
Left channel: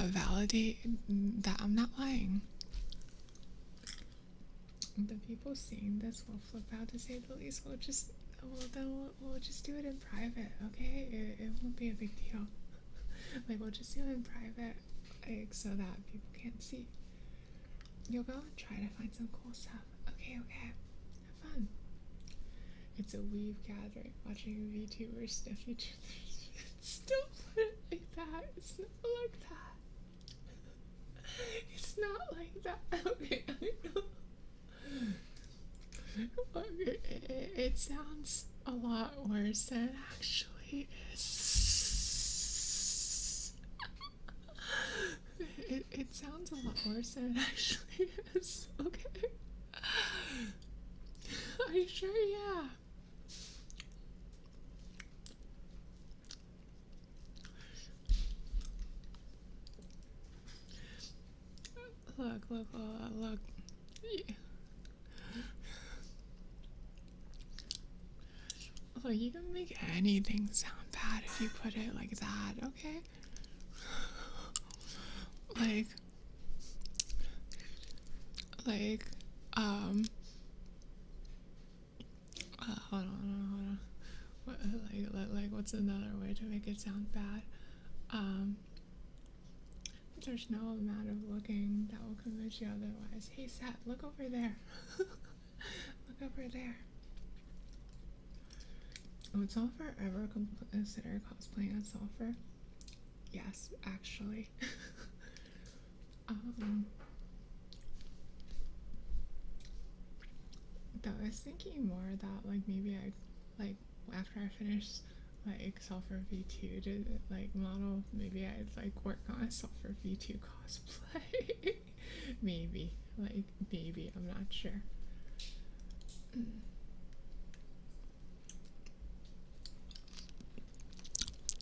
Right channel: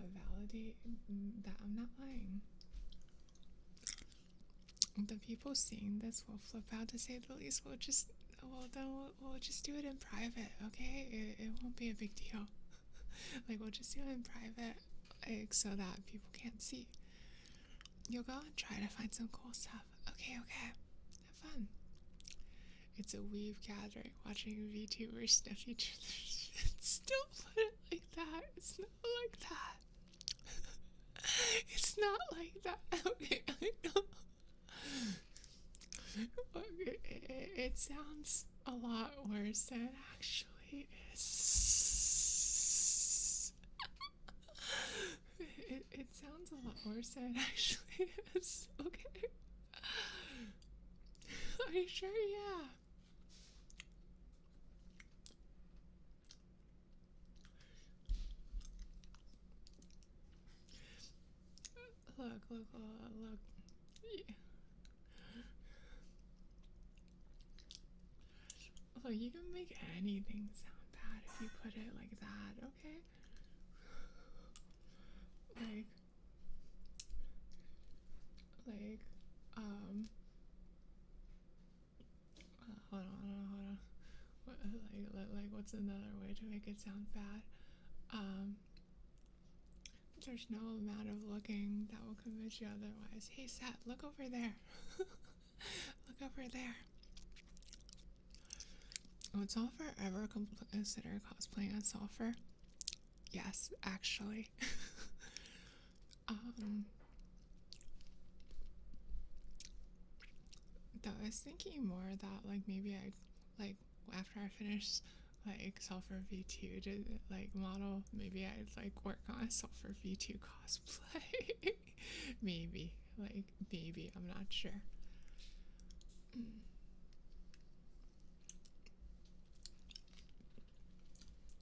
validate that I'm not lying. The people seeing this will flip out, to say the least. We'll just do it in private, okay? It won't be a big deal. Like, we'll just do it in private, like, so that people can't see. You'll go and try to find some cool stuff. Okay, have fun. It's a weave gathering, watching VTubers sniff each other's shit. Don't put it like that. It's not like that. It's not like that. Okay, it sounds a lot worse than it actually is. It sounds a lot worse than it actually is. Okay. Are you sure? Yeah. look. Yeah. Look, you can make anything sound bad if you put it like that, okay? Like, like, hold on. What, what's another way to make it sound bad? There's no amount of looking that will convince you otherwise. Hey, Seth, look over there. Look over there. Would Sulfur ever consider cosplaying as Sulfur? Yes, actually. Though I was thinking more that like maybe I like after I finish like Sulfur V2 to like model, maybe I'd like work on a Sulfur V2 cosplay. maybe I'm not sure.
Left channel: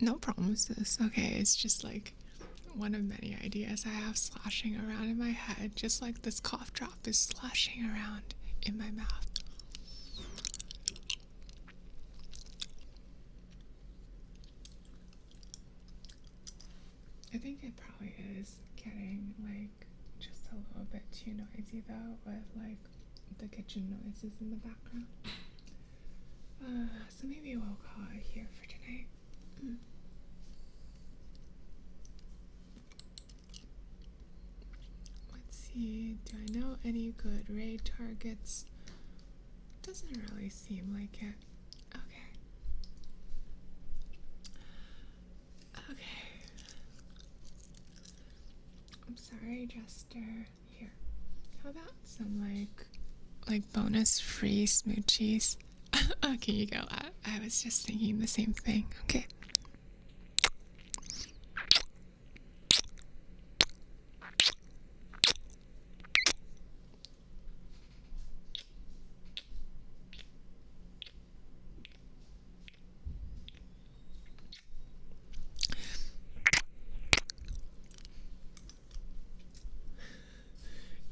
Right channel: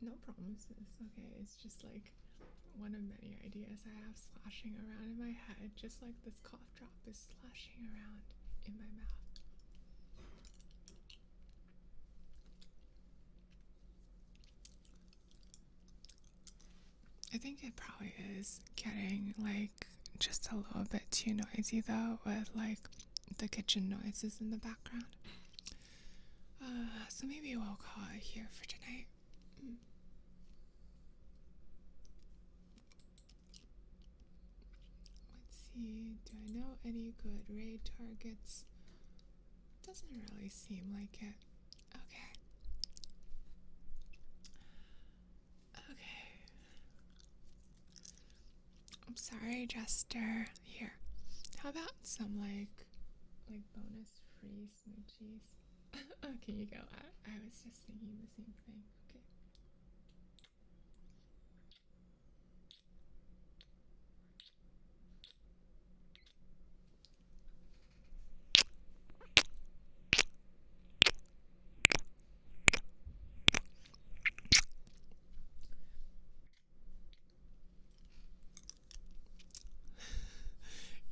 No promises. Okay, it's just like one of many ideas I have sloshing around in my head, just like this cough drop is sloshing around in my mouth. I think it probably is getting like just a little bit too noisy though, with like the kitchen noises in the background. So maybe we'll call it here for tonight. Let's see, do I know any good raid targets? Doesn't really seem like it. Okay. I'm sorry, Jester. Here. How about some like bonus free smoochies? Okay, you go. I was just thinking the same thing. Okay.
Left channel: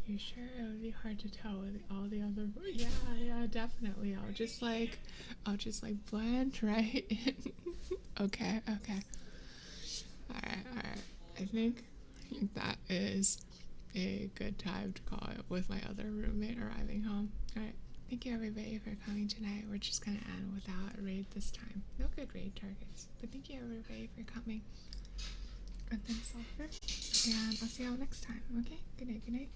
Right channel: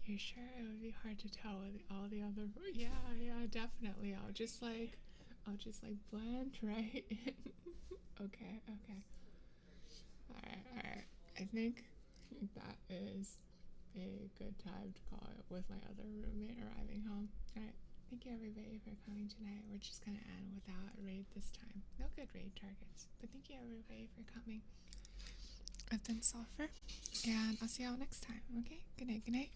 You sure it would be hard to tell with all the other? Yeah, definitely. I'll just like blend right in. Okay. All right. I think that is a good time to call it with my other roommate arriving home. All right. Thank you everybody for coming tonight. We're just gonna end without a raid this time. No good raid targets, but thank you everybody for coming. And then Sulfur, and I'll see y'all next time. Okay. Good night.